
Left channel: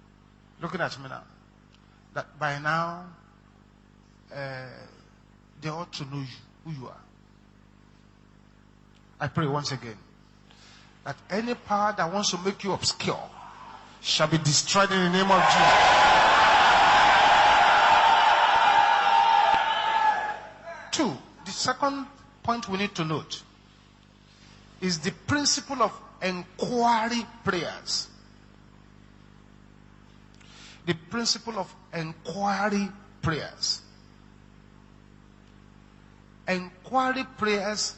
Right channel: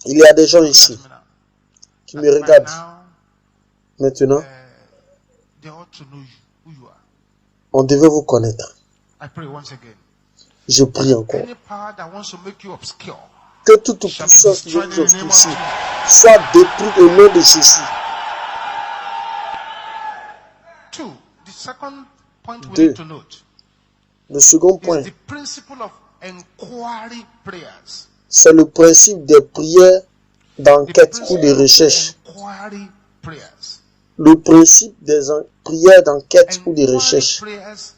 Il y a des gens ici qui me regardent maintenant. On devait vous connaître. Je prie encore que toute puissance soit détruite au nom de Jésus. second point we Deux. need to note Le second is point, the principle of inquiry prayers. c'est le principe des prières The d'enquête ou de principle of recherche. inquiry prayers. Le principe des prières d'enquête ou de Inquiry recherche. prayers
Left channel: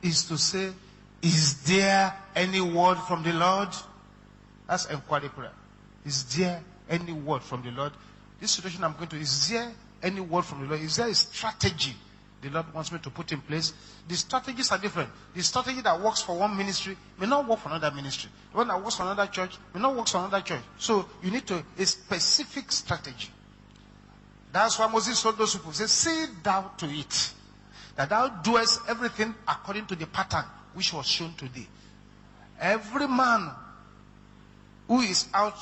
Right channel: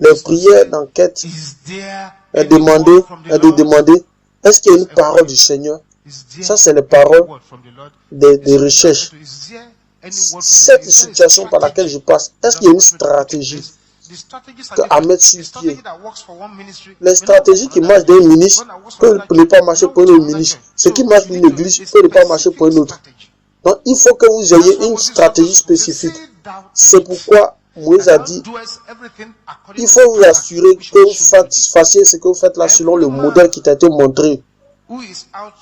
Les is to prières say, d'enquête is there est any demander, word from the est de Lord? demander, est-ce qu'il y a une That's parole inquiry du prayer. Seigneur? Is there Ça, c'est les any paroles word from the Lord? des This is what recherches. I'm going to- Is there any word from the Cette Lord? Is there a situation par laquelle je strategy passe, the est-ce qu'il y a Lord une wants me to put in stratégie? place? The strategies are que different. Ahmed A Sidi- strategy that works for one ministry Les may not work stratégies for qui another marchent d'un ministry. ministre One that works for peut another ne pas church marcher may pour not un work for another ministre. church. Ce qui So marche you pour une need to église a peut ne pas marcher pour un specific autre. strategy. Donc, il faut que vous That's ayez why une Moses told stratégie those people, say, spécifique. "Say thou to C'est it, pourquoi Moïse that a thou dit, doest everything according il to faut the vous pattern assurer which que was vous shown today." fassiez ce que vous faites là selon le Every man modèle qui t'a été montré. who is out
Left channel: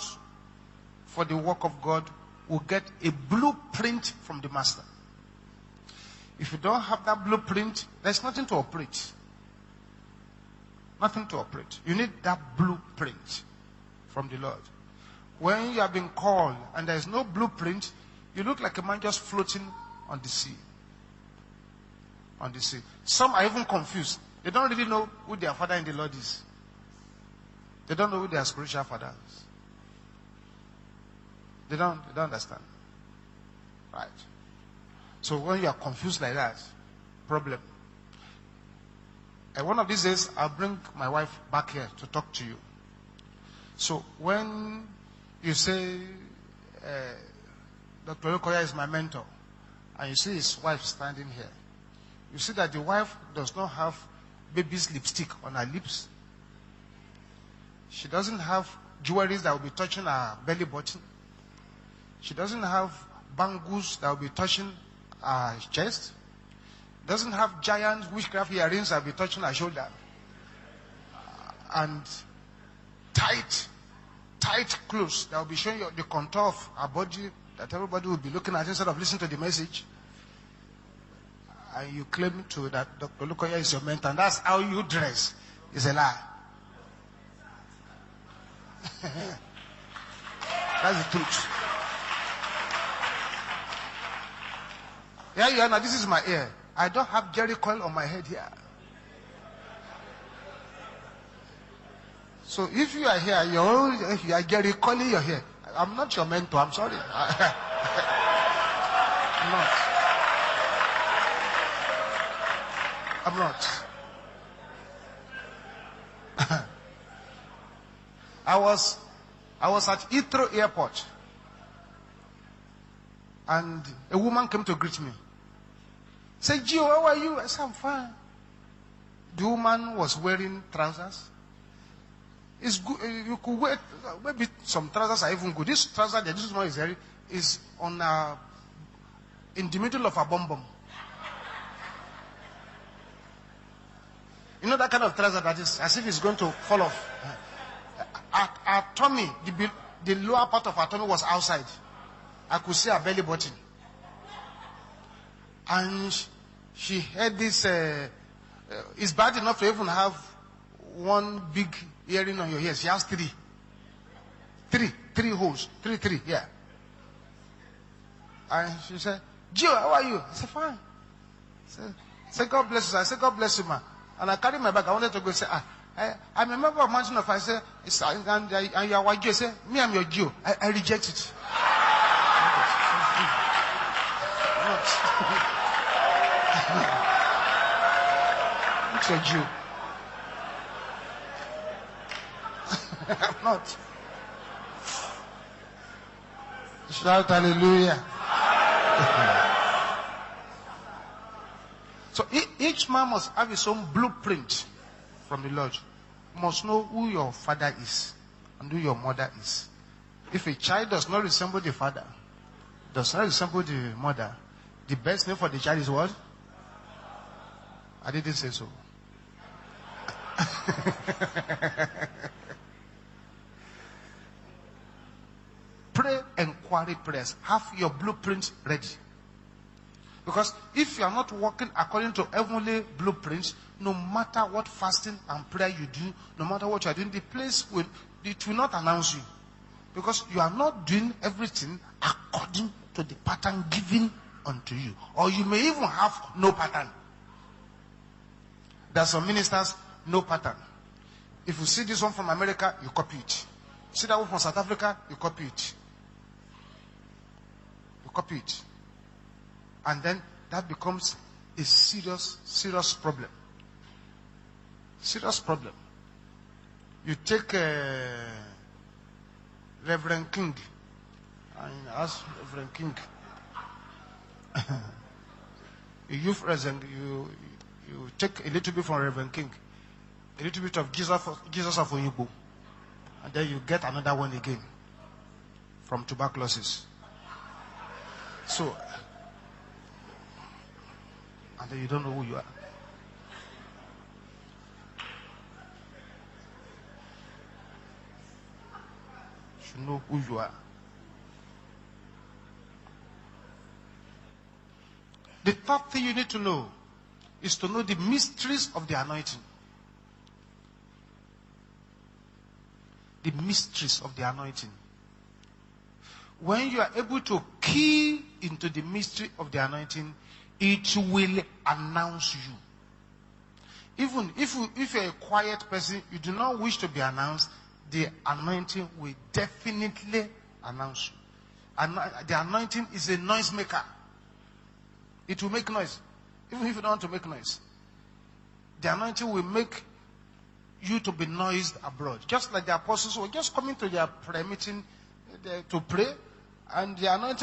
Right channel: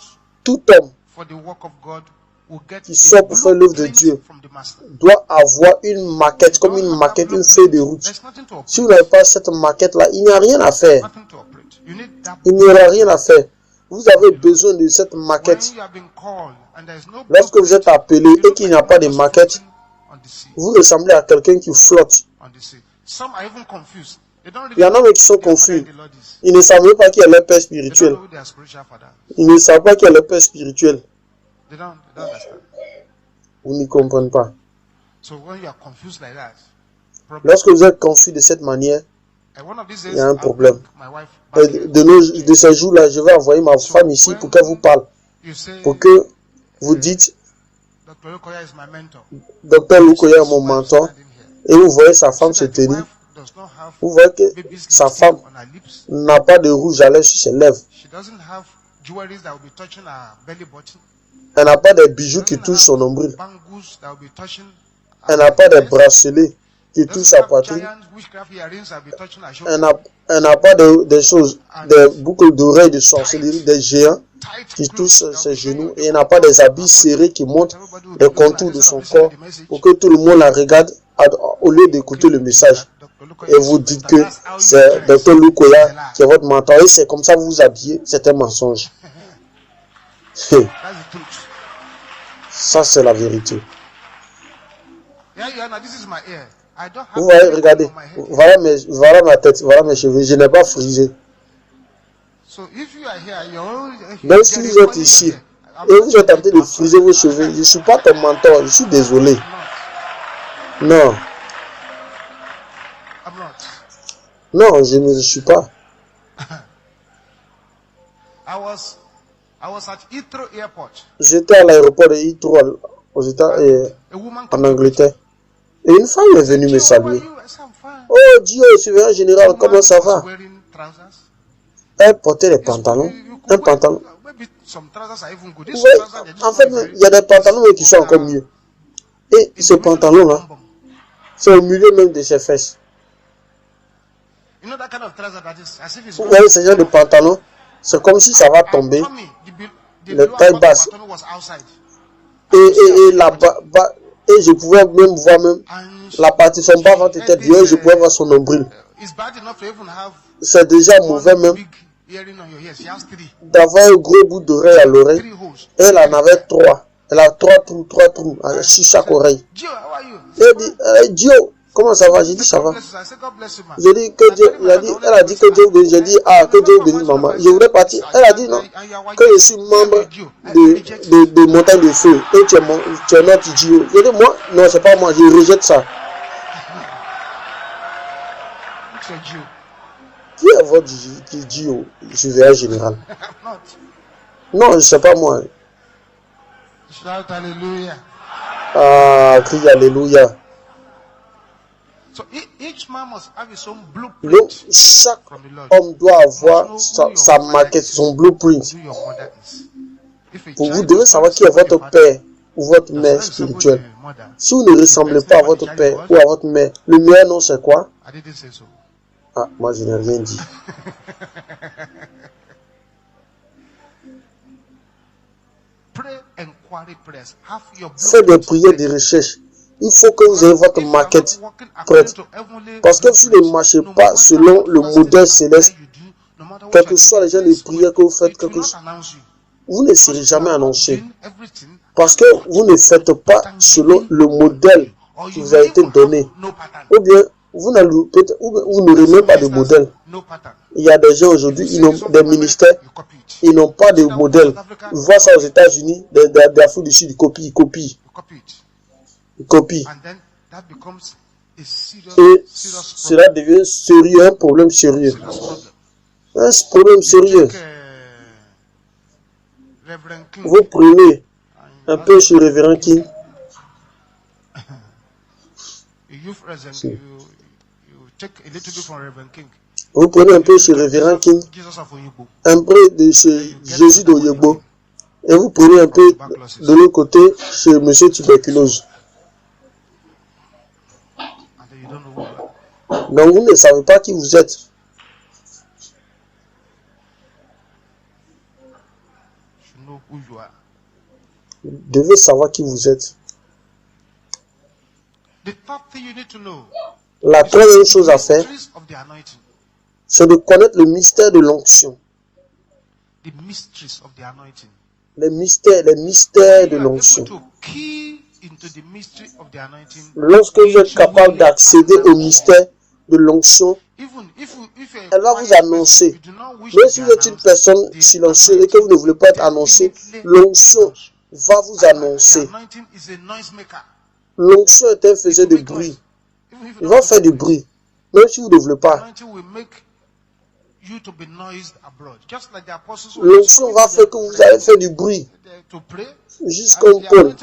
Tout homme for the work of God will get qui a sort pour faire l'œuvre de blueprint Dieu from the master. doit avoir une If maquette, you comme don't une have that maquette, une feuille de blueprint, route. there's nothing to Si vous n'avez operate. pas cette maquette-là, il n'y a rien à faire. Nothing to operate. You need that Il n'y aura rien à blueprint. faire. Vous avez Lord. besoin de cette When maquette. you have been called and there's no Lorsque vous êtes blueprint, appelé you et look qu'il like n'y a a pas man de just maquette, floating on the sea. vous ressemblez à quelqu'un qui flotte. On the sea. Some are even confused. They don't Il y really en a know qui sont who their father confus. in the Lord is. Ils ne savent même pas qui est leur père They don't spirituel. know who their spiritual father is. Ils ne savent pas qui est leur père spirituel. They don't understand. Vous n'y comprenez pas. So when you are confused like that, problem. Lorsque vous êtes confus de cette manière, And one of these il days, y a un I'll problème. bring my wife back here. De ces jours-là, je vais envoyer ma femme ici pour qu'elle vous parle. You say, Pour que vous dites, Dr. Lukoya is my mentor. Docteur You see Lukoya est his mon wife mentor, standing here. et vous voyez sa You femme see se that the tenir. wife does not have Vous voyez que baby's sa lipstick femme on her lips. n'a pas de rouge à lèvres sur ses lèvres. She doesn't have jewelry that will be touching her belly button. Elle n'a pas de She bijoux qui doesn't touchent son have nombril. bangles that will be touching Elle her n'a pas de breast. bracelets qui touchent Doesn't sa have poitrine. giant witchcraft earrings that will be touching her Elle shoulder. n'a pas des choses, des boucles d'oreilles de sorcellerie, des géants Tight qui clothes touchent that will ses be showing genoux. you Et the elle n'a pas contour des of habits her serrés body. qui That montrent everybody will be les looking at contours de instead son of listening corps to the message. pour que tout le monde la regarde au lieu d'écouter le Claim to message. that Dr. Lukoya Et is vous your dites mentor. que That's how you c'est dress. Dr It's a Lukoya lie. qui est votre mentor et c'est comme ça que vous vous habillez. C'est un mensonge. That's the truth. Ça, c'est la vérité. Yeah, yeah, now this is my ear. I don't have Vous voyez, any regardez, on my head. Here. voilà ma tête, voilà mes cheveux. Je n'ai pas frisé. So if you are here, you're Donc si vous êtes ici et vous êtes en train de friser vos cheveux, je ne suis pas ton mentor, je suis désolé. Non, I'm not. non, je ne le suis pas. I was at Heathrow Airport. J'étais à l'aéroport de Heathrow aux États And a woman en came to greet me. Angleterre. Et une femme est I said, venue me "Gio, how are saluer. you?" I said, "I'm fine." Oh Dieu, surveillant The général, woman comment ça was va? wearing trousers. Elle portait des It's pantalons. good. You Un could wear, pantalon. maybe some trousers are even good. This Ouais, trouser, this en one fait, is very, il y a des pantalons qui sont encore mieux. Et in ce the middle of her pantalon-là, bum bum. c'est au milieu même de ses fesses. You know that kind of trouser that is as if it's Vous going voyez to ce genre de fall off. pantalon, c'est comme si ça va Our tomber. tummy, the Le lower taille part basse. of our tummy was outside. Et la et je pouvais même voir même And la partie son bas ventre était bien, je pouvais voir son nombril. it's bad enough to even have C'est déjà mauvais one même big earring on your ear. She has three d'avoir un gros bout d'oreille à l'oreille. holes. Elle en Three. avait 3. Elle a 3 trous And sur she chaque said, oreille. "Gio, how are you?" Elle dit, Dio, comment ça va? J'ai dit, Say, ça God va. bless you. I said, God bless you, man. J'ai dit que Dieu, elle a dit que Dieu bénisse. J'ai dit, ah, que Dieu bénisse maman. Je voulais partir. Elle a dit non. Que je suis membre de Montagne de Feu. Et tu es notre Dio. J'ai dit, moi, non, c'est pas moi, je rejette ça. It's a Jew. Qui est votre Dio, surveillant général? I'm not. Non, c'est pas moi. Shout hallelujah. Ah, crie alléluia. So each man must have his own Donc, blueprint chaque from the Lord. homme doit avoir Must know who your sa father maquette, is, son blueprint. who your mother is. If a Vous child devez does not savoir qui est resemble the votre father, père ou votre does mère not resemble spirituelle. the mother. Si vous ne ressemblez pas à votre père ou à votre mère, le meilleur nom c'est quoi? I didn't say so. Ah, moi je n'ai rien dit. Pray inquiry prayers. Have your Faites des blueprint prières de ready. recherche. Il faut que vous ayez votre If you are maquette not walking according prête. to heavenly Parce que si vous ne blueprints, marchez no pas matter selon what le fasting modèle and céleste, prayer you do, no matter what quel you que are soit doing, les gens the de place prière que vous faites, it will not announce you. vous ne serez Because you jamais are not annoncé. doing everything Parce que vous ne faites pas selon le modèle qui vous a été donné. Ou bien, vous n'aurez même pas de modèle. Il y a des gens aujourd'hui, ils ont des ministères, ils n'ont pas de modèle. Ils voient ça aux États-Unis, d'Afrique du Sud, ils copient. Et cela devient sérieux, un problème sérieux. Un problème sérieux. Vous prenez un peu sur Révérend King. Vous prenez un peu sur Révérend King, un peu de chez Jésus de Yogbo, et vous prenez un peu de l'autre côté chez Monsieur Tuberculose. Donc vous ne savez pas qui vous êtes. Vous devez savoir qui vous êtes. La troisième chose à faire, c'est de connaître le mystère de l'onction. Les mystères de l'onction. Lorsque vous êtes capable d'accéder au mystère de l'onction, elle va vous annoncer. Mais si vous êtes une personne silencieuse et que vous ne voulez pas être annoncé, l'onction va vous annoncer. L'onction est un faiseur de bruit. Il va faire du bruit, même si vous ne voulez pas. L'onction va faire que vous allez faire du bruit. Juste comme Paul.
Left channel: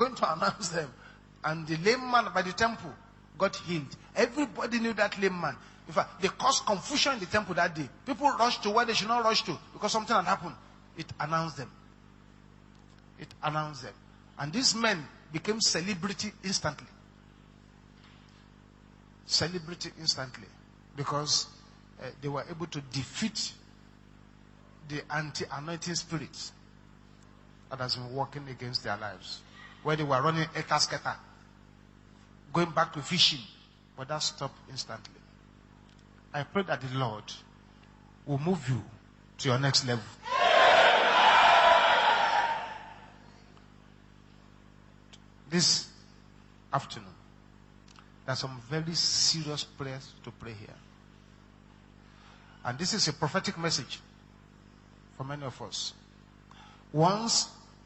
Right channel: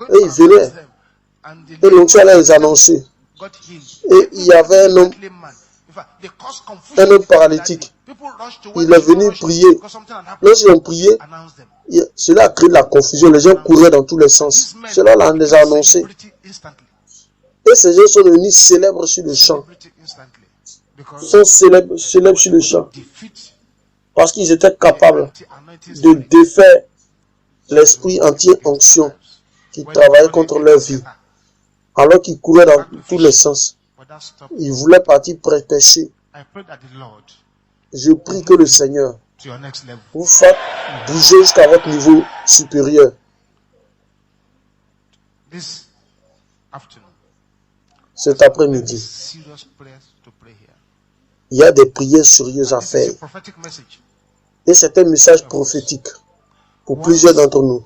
Et il venait. Et l'onction allait les annoncer. Et il y avait un homme paralytique. Il est venu prier. Lorsqu'ils ont prié, cela a créé de la confusion. Les gens couraient dans tous les sens. Cela les a annoncés. Et ces gens sont devenus célèbres sur le champ. Ils sont célèbres sur le champ. Parce qu'ils étaient capables de défaire l'esprit anti-onction qui travaillait contre leur vie. Alors qu'ils couraient dans tous les sens. Ils voulaient partir prêcher. Je prie que le Seigneur vous fasse bouger jusqu'à votre niveau supérieur. Cet après-midi, il y a des prières sérieuses à faire. Et c'est un message prophétique pour plusieurs d'entre nous.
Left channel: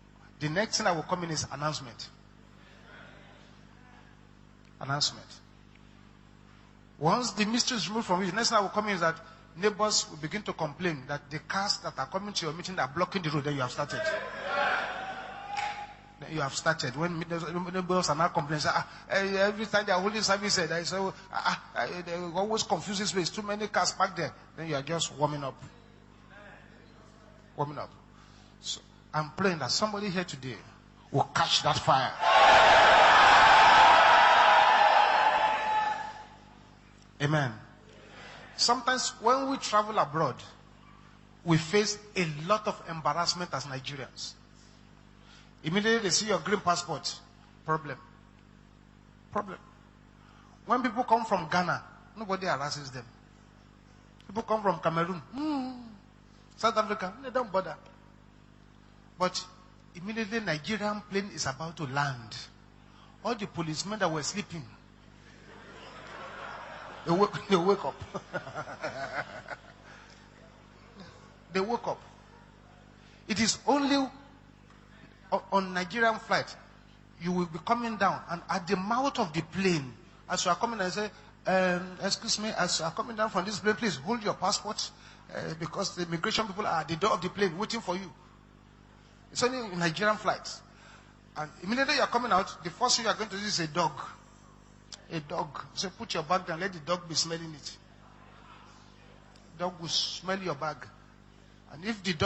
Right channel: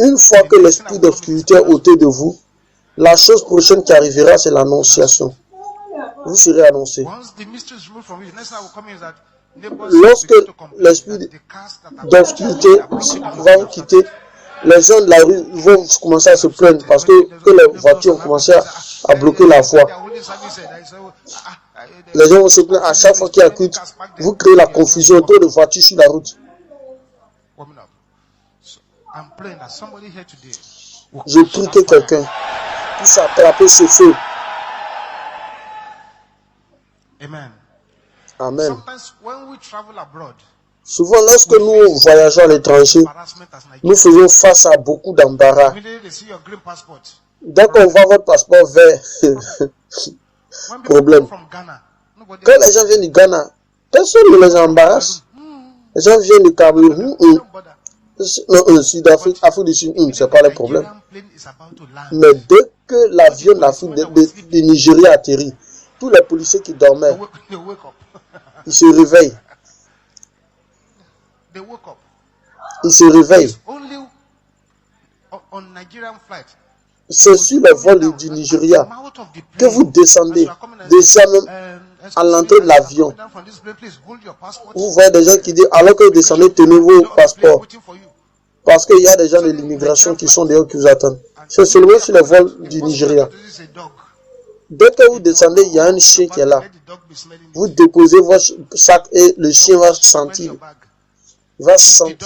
Une fois que l'esprit d'obscurité est ôté de vous, la chose prochaine qui arrivera, c'est l'annonciation. Vous serez annoncé. Lorsque l'esprit d'obscurité va vous quitter, les gens de la rue vont commencer à se plaindre parce que les voitures ont commencé à bloquer la voie. Les gens vont se plaindre à chaque fois qu'il y a culte. Vous créez la confusion, trop de voitures sur la route. Je prie que quelqu'un puisse attraper ce feu. Amen. Amen. Souvent, lorsque nous voyageons à l'étranger, nous faisons face à beaucoup d'embarras. Dès qu'on voit votre passeport vert, problème. Quand les gens viennent du Ghana, personne ne les embarrasse. Les gens viennent du Cameroun, Sud-Afrique, Afrique du Sud, ce n'est pas le problème. Mais dès que l'avion de l'Afrique du Nigeria atterrit, tous les policiers qui dormaient, ils se réveillent. Ils se réveillent. C'est sur le vol du Nigeria que vous descendez. Déjà même à l'entrée de l'avion. Vous voyez des gens qui disent, alors que vous descendez, tenez vos passeports. Parce qu'il y a des gens de l'immigration qui sont dehors qui vous attendent. C'est seulement sur le vol du Nigeria. Dès que vous descendez, il y a un chien qui est là. Vous déposez votre sac et le chien va sentir. Il va sentir.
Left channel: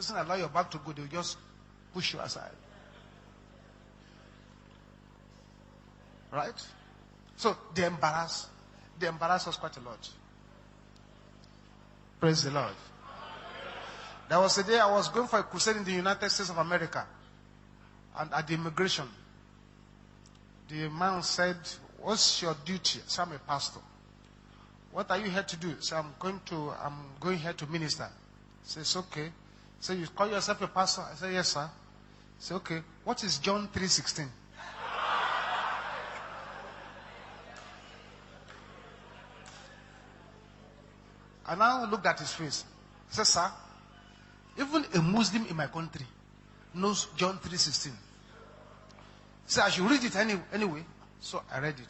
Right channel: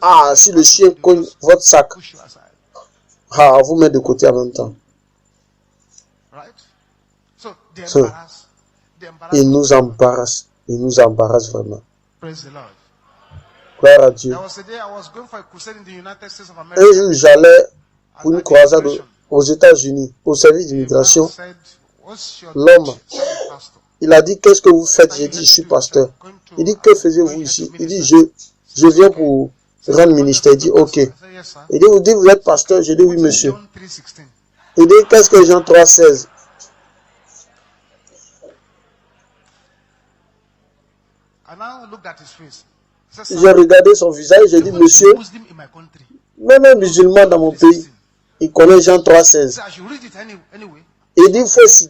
Ah, si le chien cogne votre sac, ah, vous mettez de côté en même temps. Il nous embarrasse. Il nous embarrasse vraiment. Gloire à Dieu. Un jour, j'allais pour une croisade aux États-Unis, au service d'immigration. L'homme, il a dit, qu'est-ce que vous faites? J'ai dit, je suis pasteur. Il dit, que faisiez-vous ici? Il dit, je viens pour rang ministère. Il dit, ok. Il dit, vous êtes pasteur? Je dis, oui, monsieur. Il dit, qu'est-ce que Jean 3,16? J'ai regardé son visage, j'ai dit, monsieur, même un musulman dans mon pays, il connaît Jean 3,16. Il dit,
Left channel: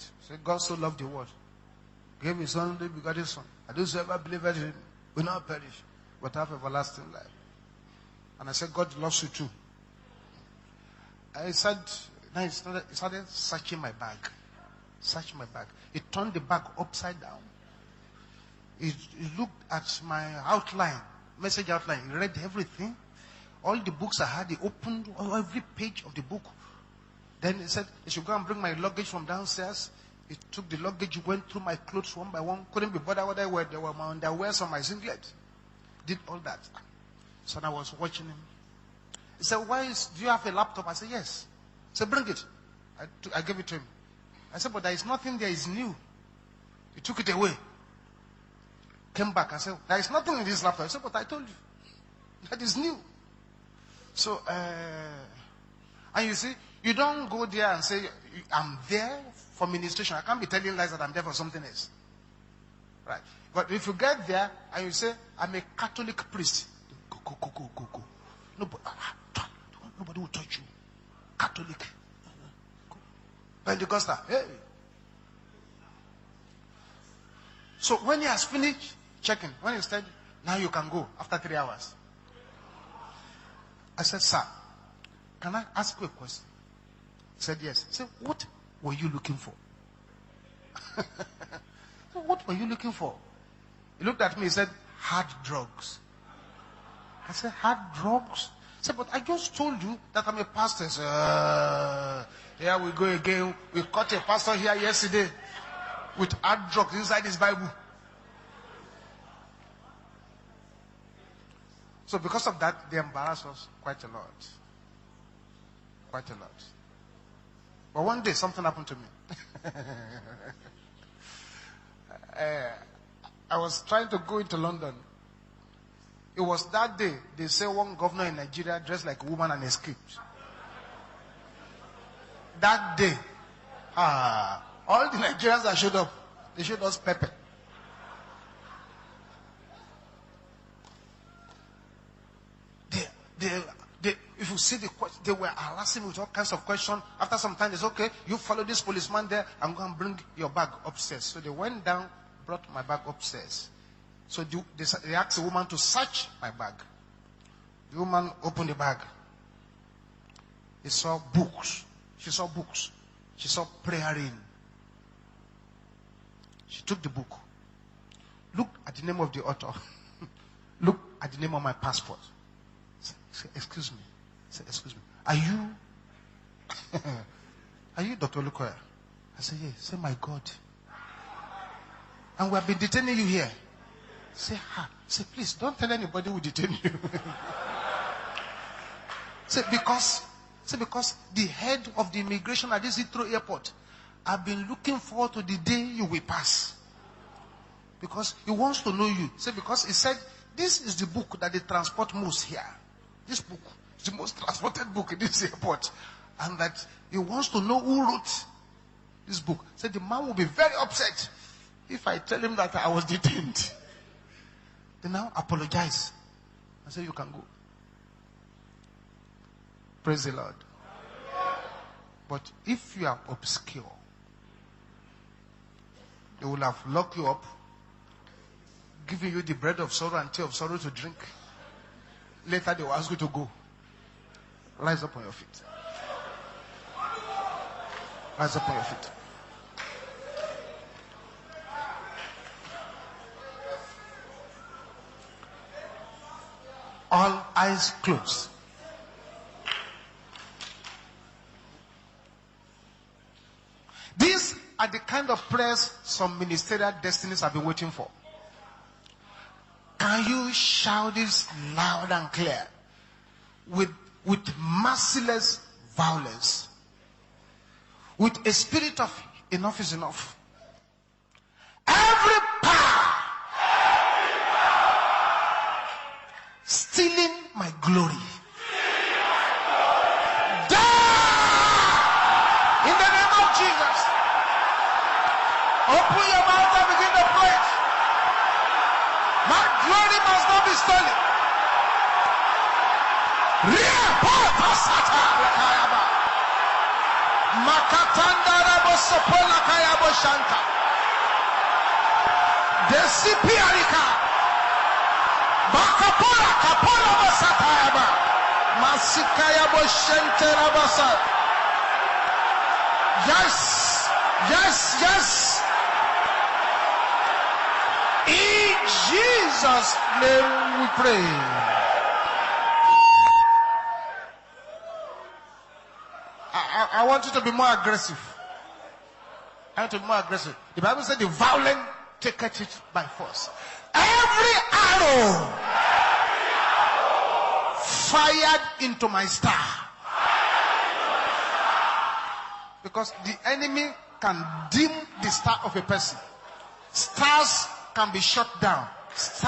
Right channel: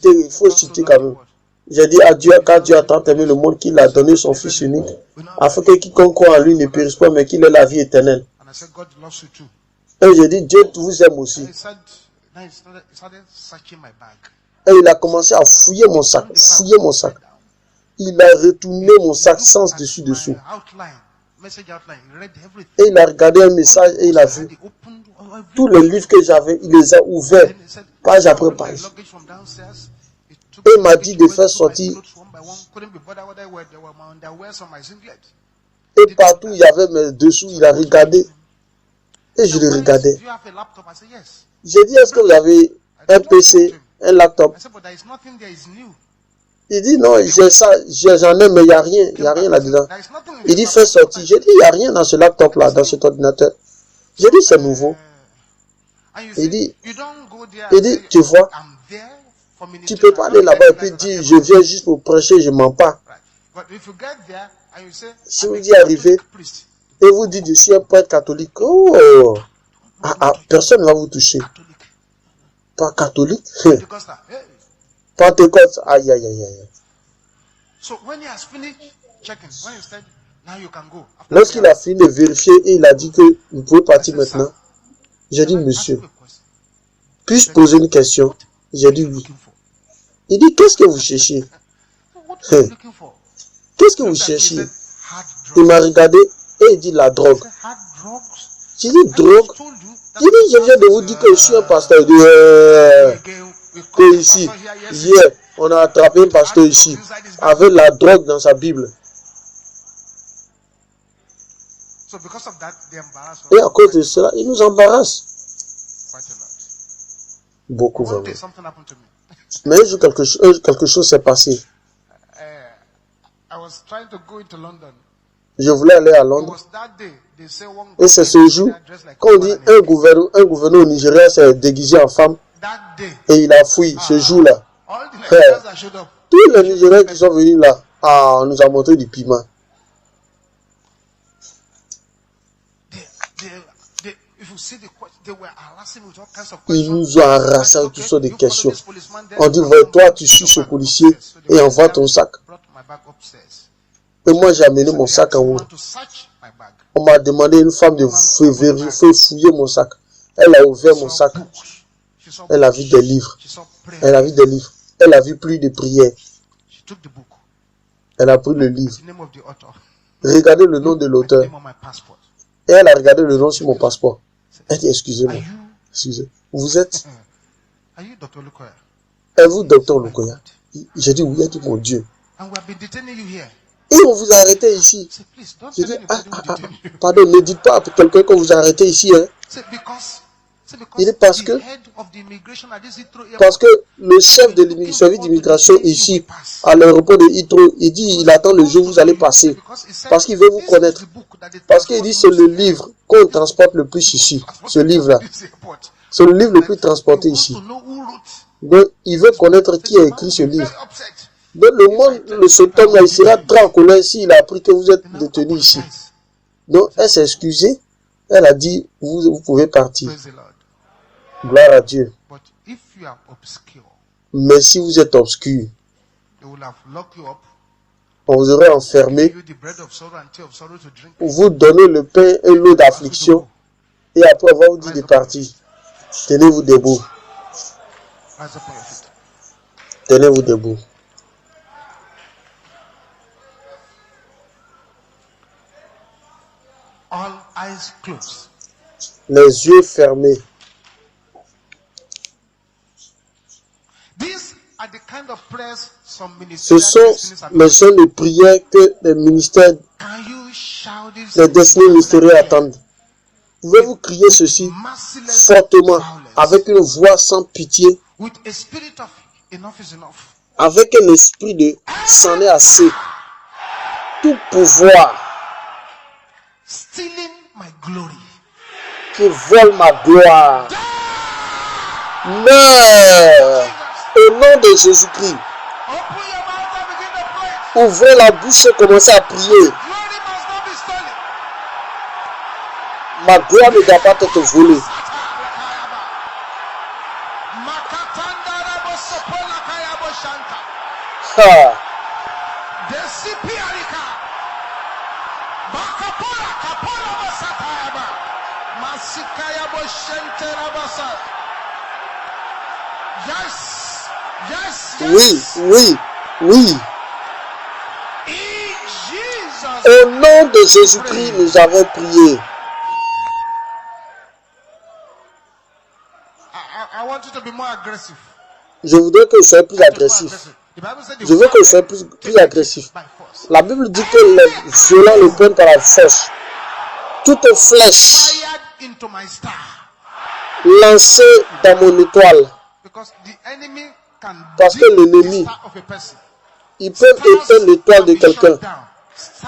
il faut citer quand même. J'ai dit à Dieu, car Dieu a tant aimé le monde qu'il a donné son Fils unique, afin que quiconque croit en lui ne périsse pas, mais qu'il ait la vie éternelle. Et j'ai dit, Dieu vous aime aussi. Et il a commencé à fouiller mon sac, Il a retourné mon sac sans dessus-dessous. Et il a regardé un message et il a vu tous les livres que j'avais, il les a ouverts, page après page. Et il m'a dit de faire sortir. Et partout il y avait mes dessous, il a regardé. Et je le regardais. J'ai dit, est-ce que vous avez un PC, un laptop? Il dit, non, j'ai ça, j'en ai, mais il n'y a rien là-dedans. Il dit, fais sortir. J'ai dit, il n'y a rien dans ce laptop-là, dans cet ordinateur. J'ai dit, c'est nouveau. Il dit, tu vois, tu peux pas aller là-bas et puis dire, je viens juste pour prêcher, je ne mens pas. Si vous y arrivez, et vous dites, je suis un prêtre catholique, oh, personne ne va vous toucher. Pas catholique? Pentecôte, aïe, aïe, aïe, aïe. Lorsqu'il a fini de vérifier et il a dit que vous pouvez partir maintenant, j'ai dit, monsieur, puis-je poser une question? J'ai dit oui. Il dit, qu'est-ce que vous cherchez? Qu'est-ce que vous cherchez? Il m'a regardé et il dit, la drogue. J'ai dit, drogue? Il dit, je viens de vous dire que je suis un pasteur. Il dit, ici, hier, on a attrapé un pasteur ici, avec la drogue dans sa Bible. Et à cause de cela, il nous embarrasse. Beaucoup. Mais quelque chose s'est passé. Je voulais aller à Londres. Et c'est ce jour qu'on dit un gouverneur au Nigeria s'est déguisé en femme. Et il a fui ce jour-là. Tous les Nigériens qui sont venus là, on nous a montré du piment. Ils nous ont harassé avec toutes sortes de questions. On dit, toi, tu suis ce policier et envoie ton sac. Et moi, j'ai amené mon sac en haut. On m'a demandé, une femme, de fouiller mon sac. Elle a ouvert mon sac. Elle a vu des livres. Elle a vu des livres. Elle a vu plus de prières. Elle a pris le livre. Regardez le nom de l'auteur. Et elle a regardé le nom sur mon passeport. Elle dit, excusez-moi. Vous êtes? Et vous, docteur Lukoya? J'ai dit, oui, dit mon Dieu. Et on vous a arrêté ici. Pardon, ne dites pas à quelqu'un qu'on vous a arrêté ici. Hein. Il est parce que le chef de service d'immigration ici, à l'aéroport de Heathrow, il dit, il attend le jour où vous allez passer. Parce qu'il veut vous connaître. Parce qu'il dit, c'est le livre qu'on transporte le plus ici. Ce livre-là. C'est le livre le plus transporté ici. Donc, il veut connaître qui a écrit ce livre. Donc, cet homme-là, il sera très en colère s'il a appris que vous êtes détenu ici. Donc, elle s'est excusée. Elle a dit, vous pouvez partir. Gloire à Dieu. Mais si vous êtes obscur, on vous aurait enfermé, vous donner le pain et l'eau d'affliction, et après avoir vous dit de partir. Tenez-vous debout. Tenez-vous debout. All eyes closed. Les yeux fermés. Ce sont les genres de prières que les ministères, les destinés ministériels attendent. Pouvez-vous crier ceci fortement, avec une voix sans pitié, avec un esprit de c'en est assez, tout pouvoir my glory. qui vole ma gloire. Die! Meurs au nom de Jésus-Christ. Open your mouth and begin to pray. Ouvrez la bouche et commencez à prier. Glory must not be stolen. Ma gloire ne doit pas être volée. Ah. Yes, yes, yes. Oui, oui, oui. In Jesus' Au nom de name Jésus-Christ, we pray. nous avons prié. I want you to be more aggressive. Je voudrais que vous soyez plus To be more agressif. aggressive. The Bible said the Je veux que vous soyez violent plus take agressif. it by force. La Bible dit que les violents le prennent par la force. Toute flèche Fired into my star. lancée dans mon étoile, Because the enemy can Parce que dim the l'ennemi, star of a person. ils peuvent éteindre l'étoile de quelqu'un.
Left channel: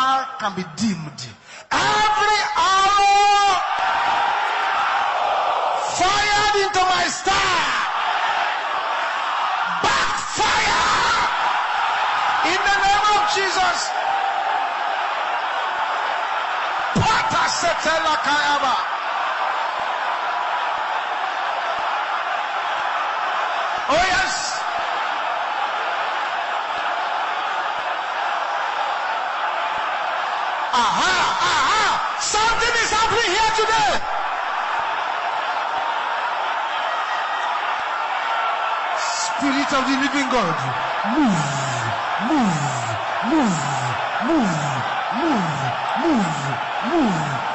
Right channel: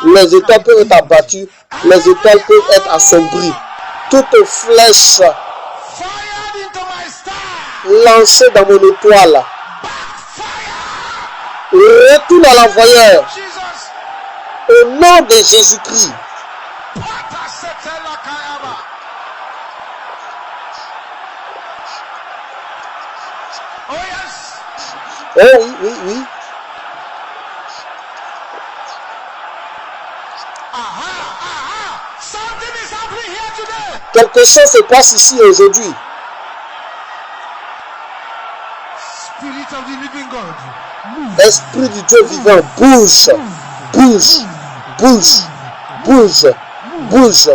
Les étoiles peuvent être abattues, les étoiles peuvent être assombries. Toute flèche Fired into my star. lancée dans mon étoile, Backfire. retourne à l'envoyeur. Jesus. Au nom de Jésus-Christ. Pata setela kayaba. Oh yes. Oh oui, oui, oui. Aha, aha. Something is happening here today. Quelque chose se passe ici aujourd'hui. Spirit of the living God. Move. Esprit du Dieu vivant, bouge, bouge, bouge, bouge, bouge,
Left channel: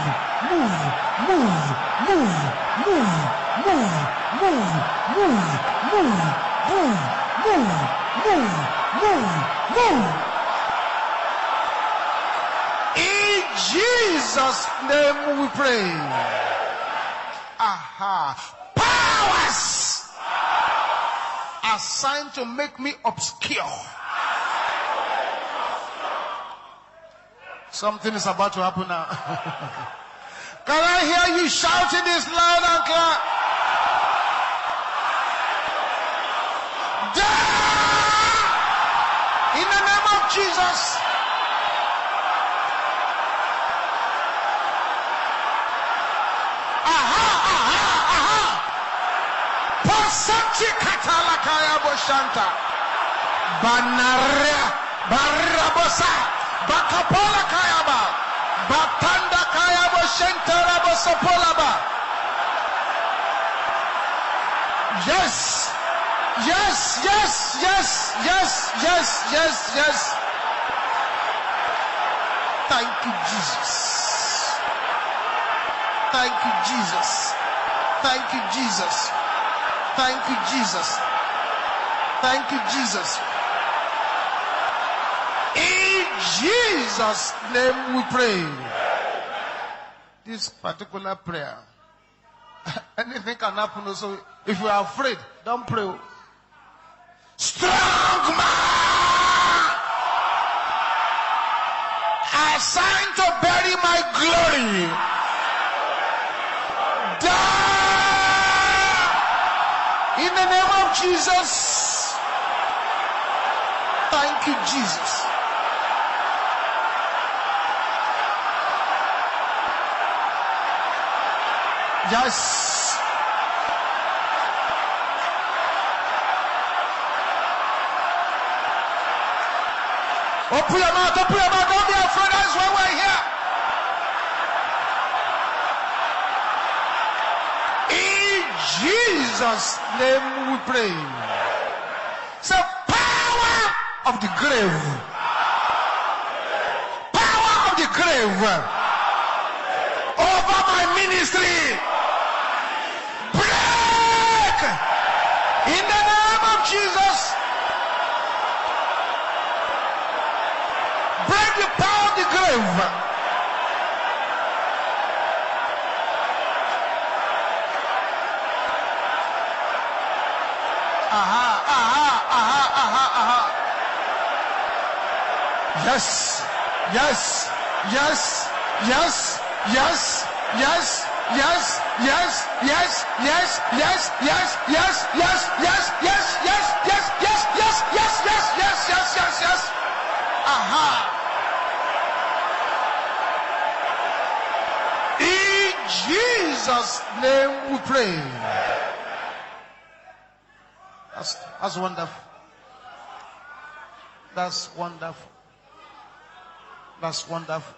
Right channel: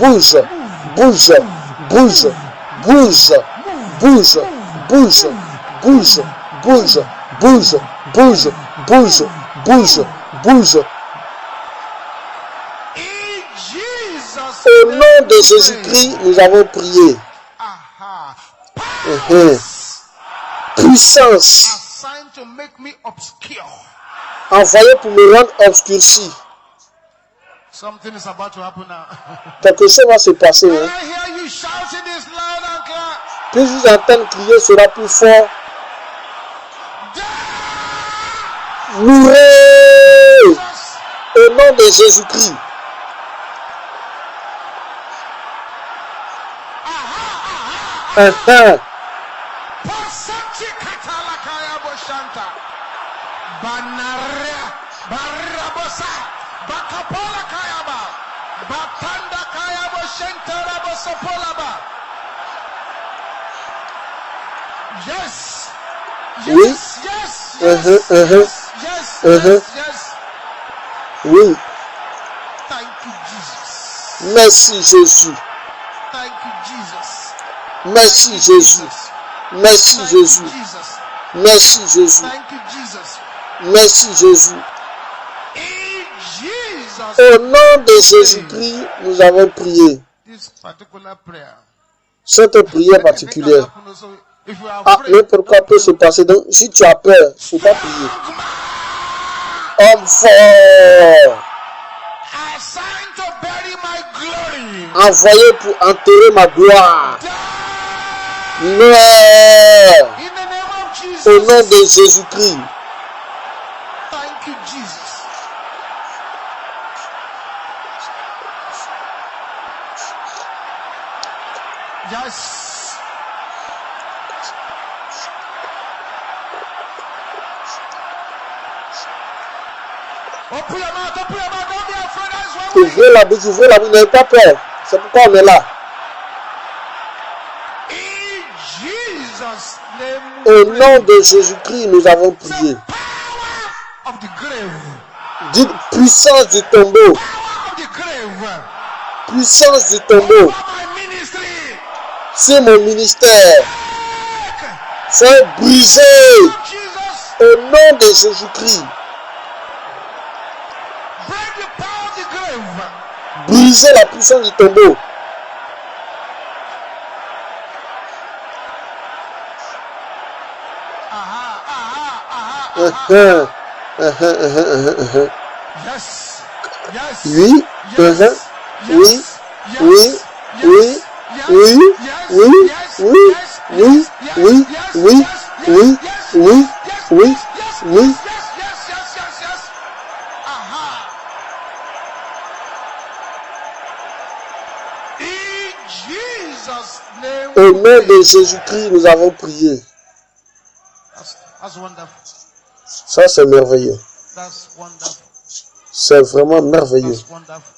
bouge, bouge, bouge, bouge, bouge, bouge, bouge, bouge, bouge, bouge, bouge, bouge, bouge. In Jesus' Au name nom de we Jésus-Christ, pray. nous avons prié. Aha. Puissance Assigned to make me obscure. envoyée pour me rendre obscurci. Something is about to happen now. Quelque chose va se passer. Can Hein. I hear you shouting this loud and clear? Plus vous entendez crier, sera plus fort. Die! Mourez Jesus. au nom de Jésus-Christ. Enfin, Passachi katala kaya boshanta. Banaria barabosa. Bakapola kaya ba. Batanda kaya boshenta rabosopola ba. Yes. Yes, yes, yes, yes, yes, yes, yes. oui, Thank you, Jesus. merci Jésus. Thank you, Jesus. Merci Thank you, Jésus. Merci Thank you, Jésus. Jesus. Merci Jésus. Thank you, Jesus. Merci Jésus. In Jesus' Au nom name de we pray. Jésus-Christ, nous avons prié. This particular prayer. Cette prière Anything can particulière. happen also. If you are Ah, afraid, n'importe quoi don't peut se pray. passer. Donc, si tu as peur, il faut pas prier. Strong man, Homme fort, assigned to bury my glory. envoyé pour enterrer ma gloire. Die Meurs in the name of au nom Jesus. de Jésus-Christ. Thank you, Jesus. Yes. Open your mouth, don't be afraid. That's why we're Ouvrez here. la bouche, n'ayez pas peur. C'est pourquoi on est là. In Jesus' name Au we nom pray. de Jésus-Christ, nous avons The prié. power of the grave. Dites puissance du tombeau. Power of the grave. Puissance du tombeau. Over my ministry. C'est mon ministère. Break. C'est brisé Of Jesus. au nom de Jésus-Christ. Break the power of the grave. Brisez la puissance du tombeau. Aha, aha, aha, Uh-huh, aha. uh-huh. Yes. Yes. Oui, Yes. oui, Yes. oui, oui, oui, oui, oui, oui, oui, oui, oui, oui, oui, oui. Au nom de Jésus-Christ, nous avons prié. That's wonderful. Ça, c'est merveilleux. That's wonderful. C'est vraiment merveilleux. That's wonderful.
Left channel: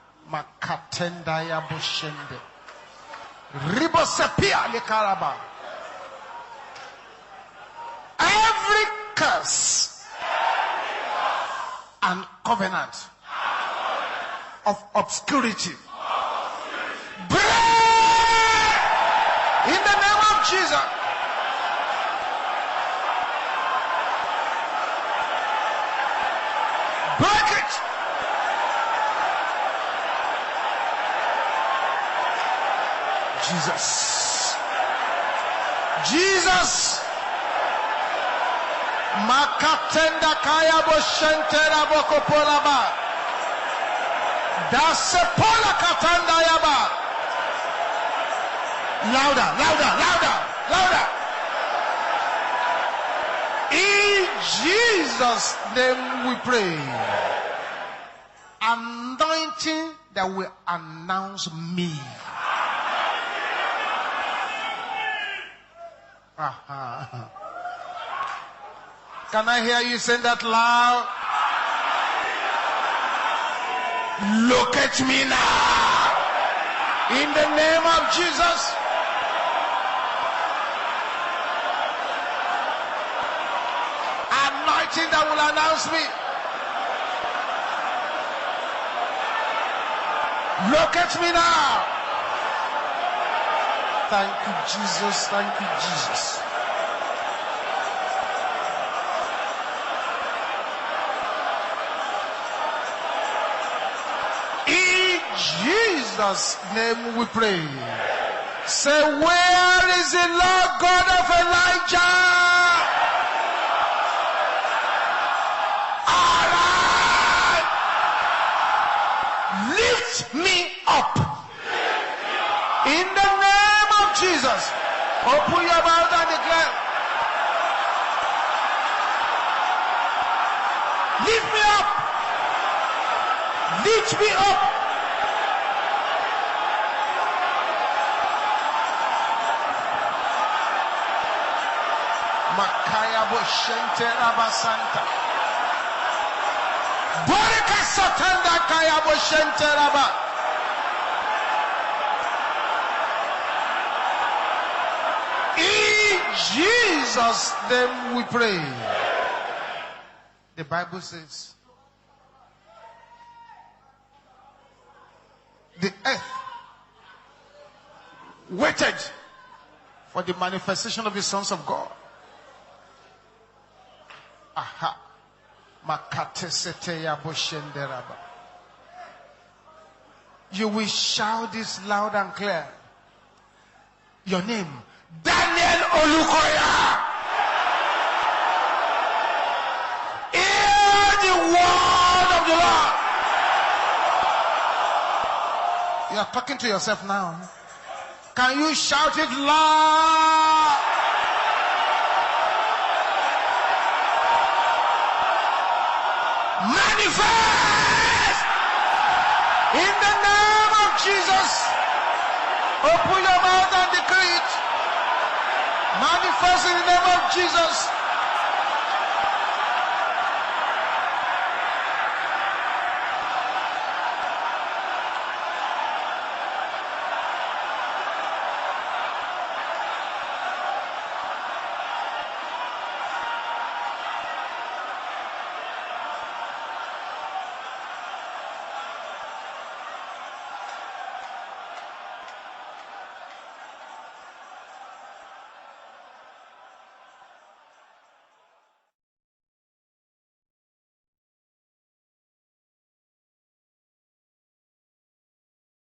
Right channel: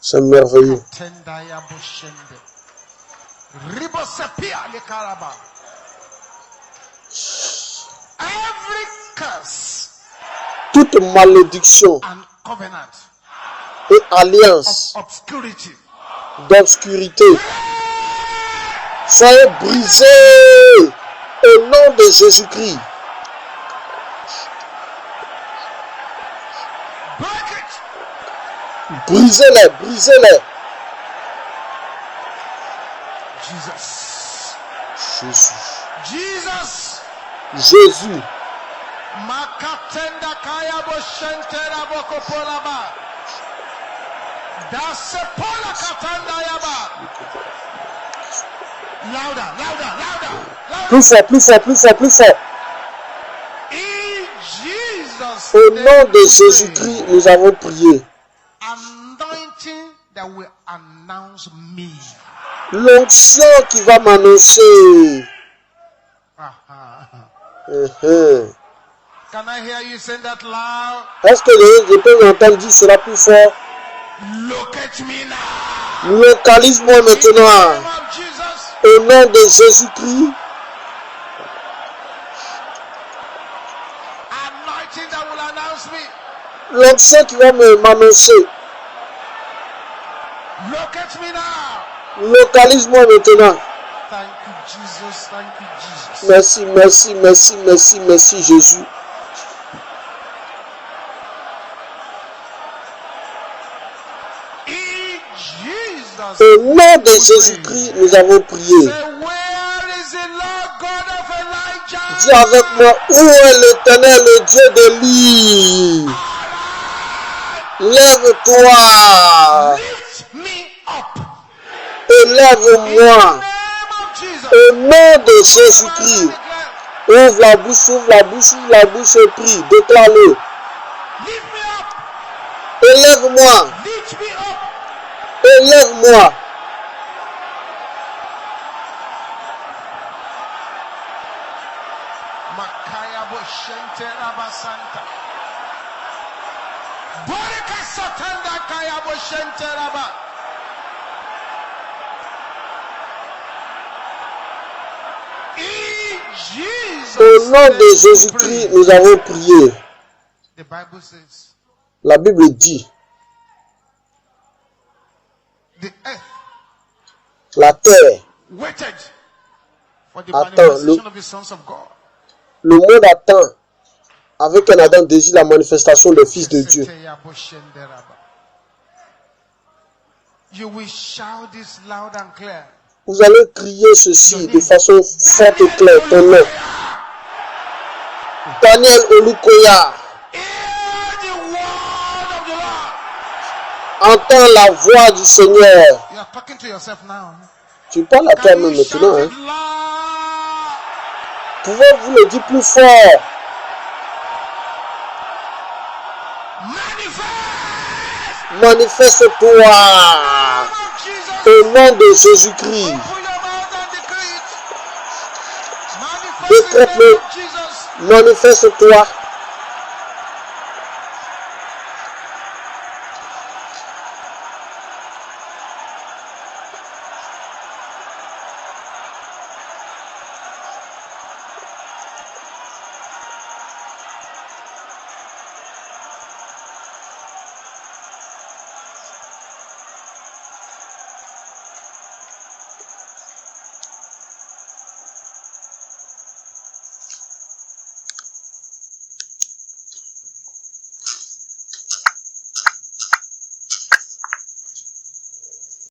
C'est merveilleux. Every curse Toute malédiction and covenant et alliance of obscurity d'obscurité, soyez brisés au nom de Jésus-Christ. break it. Brisez-les, brisez-les. Jesus. Jésus. Jesus. Jésus. Makatenda kaya boshentera bokopolaba. Dasepola katanda yaba. Louder, louder, louder, louder. Plus fort, plus fort, plus fort, plus fort. In Jesus' Au name nom de we Jésus-Christ, pray. nous avons prié. Anointing that will announce me. L'onction qui va m'annoncer. Can I hear you say that loud? Est-ce que je peux m'entendre dire cela plus fort? Locate me now. Localise-moi In the name maintenant. of Jesus. Au nom de Jésus-Christ. Anointing that will announce me. L'onction qui va m'annoncer. Locate me now. Localise-moi maintenant. Thank you, Jesus. Thank you, Jesus. Merci, merci, merci, merci, merci Jésus. In Jesus' Au nom name de we Jésus-Christ, pray. nous avons prié. Say, where is the Lord God of Elijah? Dis avec moi, où est l'Éternel, le Dieu d'Élie? Lève-toi. Lift me up. In the Élève-moi. name of Jesus. Au nom de Open your mouth and Jésus-Christ. declare, Ouvre la bouche, ouvre la bouche, ouvre la bouche et prie. Déclare-le. lift me up. Élève-moi. Lift me up. Élève-moi. Makaya boshente rabasanta. Borika satanda kaya boshente raba. In Jesus' Au nom de name we Jésus-Christ, pray. nous avons prié. The Bible says, La Bible dit, the earth la terre, waited for the Attends, manifestation of the sons of God. le monde attend avec un ardent désir la manifestation des fils de Dieu. You will shout this loud and clear. Vous allez crier ceci de façon forte et claire. Ton nom. Daniel Olukoya. Hear the word of the Lord. Entends la voix du Seigneur. You are talking to yourself now. Tu parles à Can toi-même you shout maintenant. it Hein. loud? Pouvez-vous le dire plus fort? Manifest! Manifeste-toi In the name of Jesus. au nom de Jésus-Christ. Open your mouth and decree it. Manifest in the name of Jesus. Manifeste-toi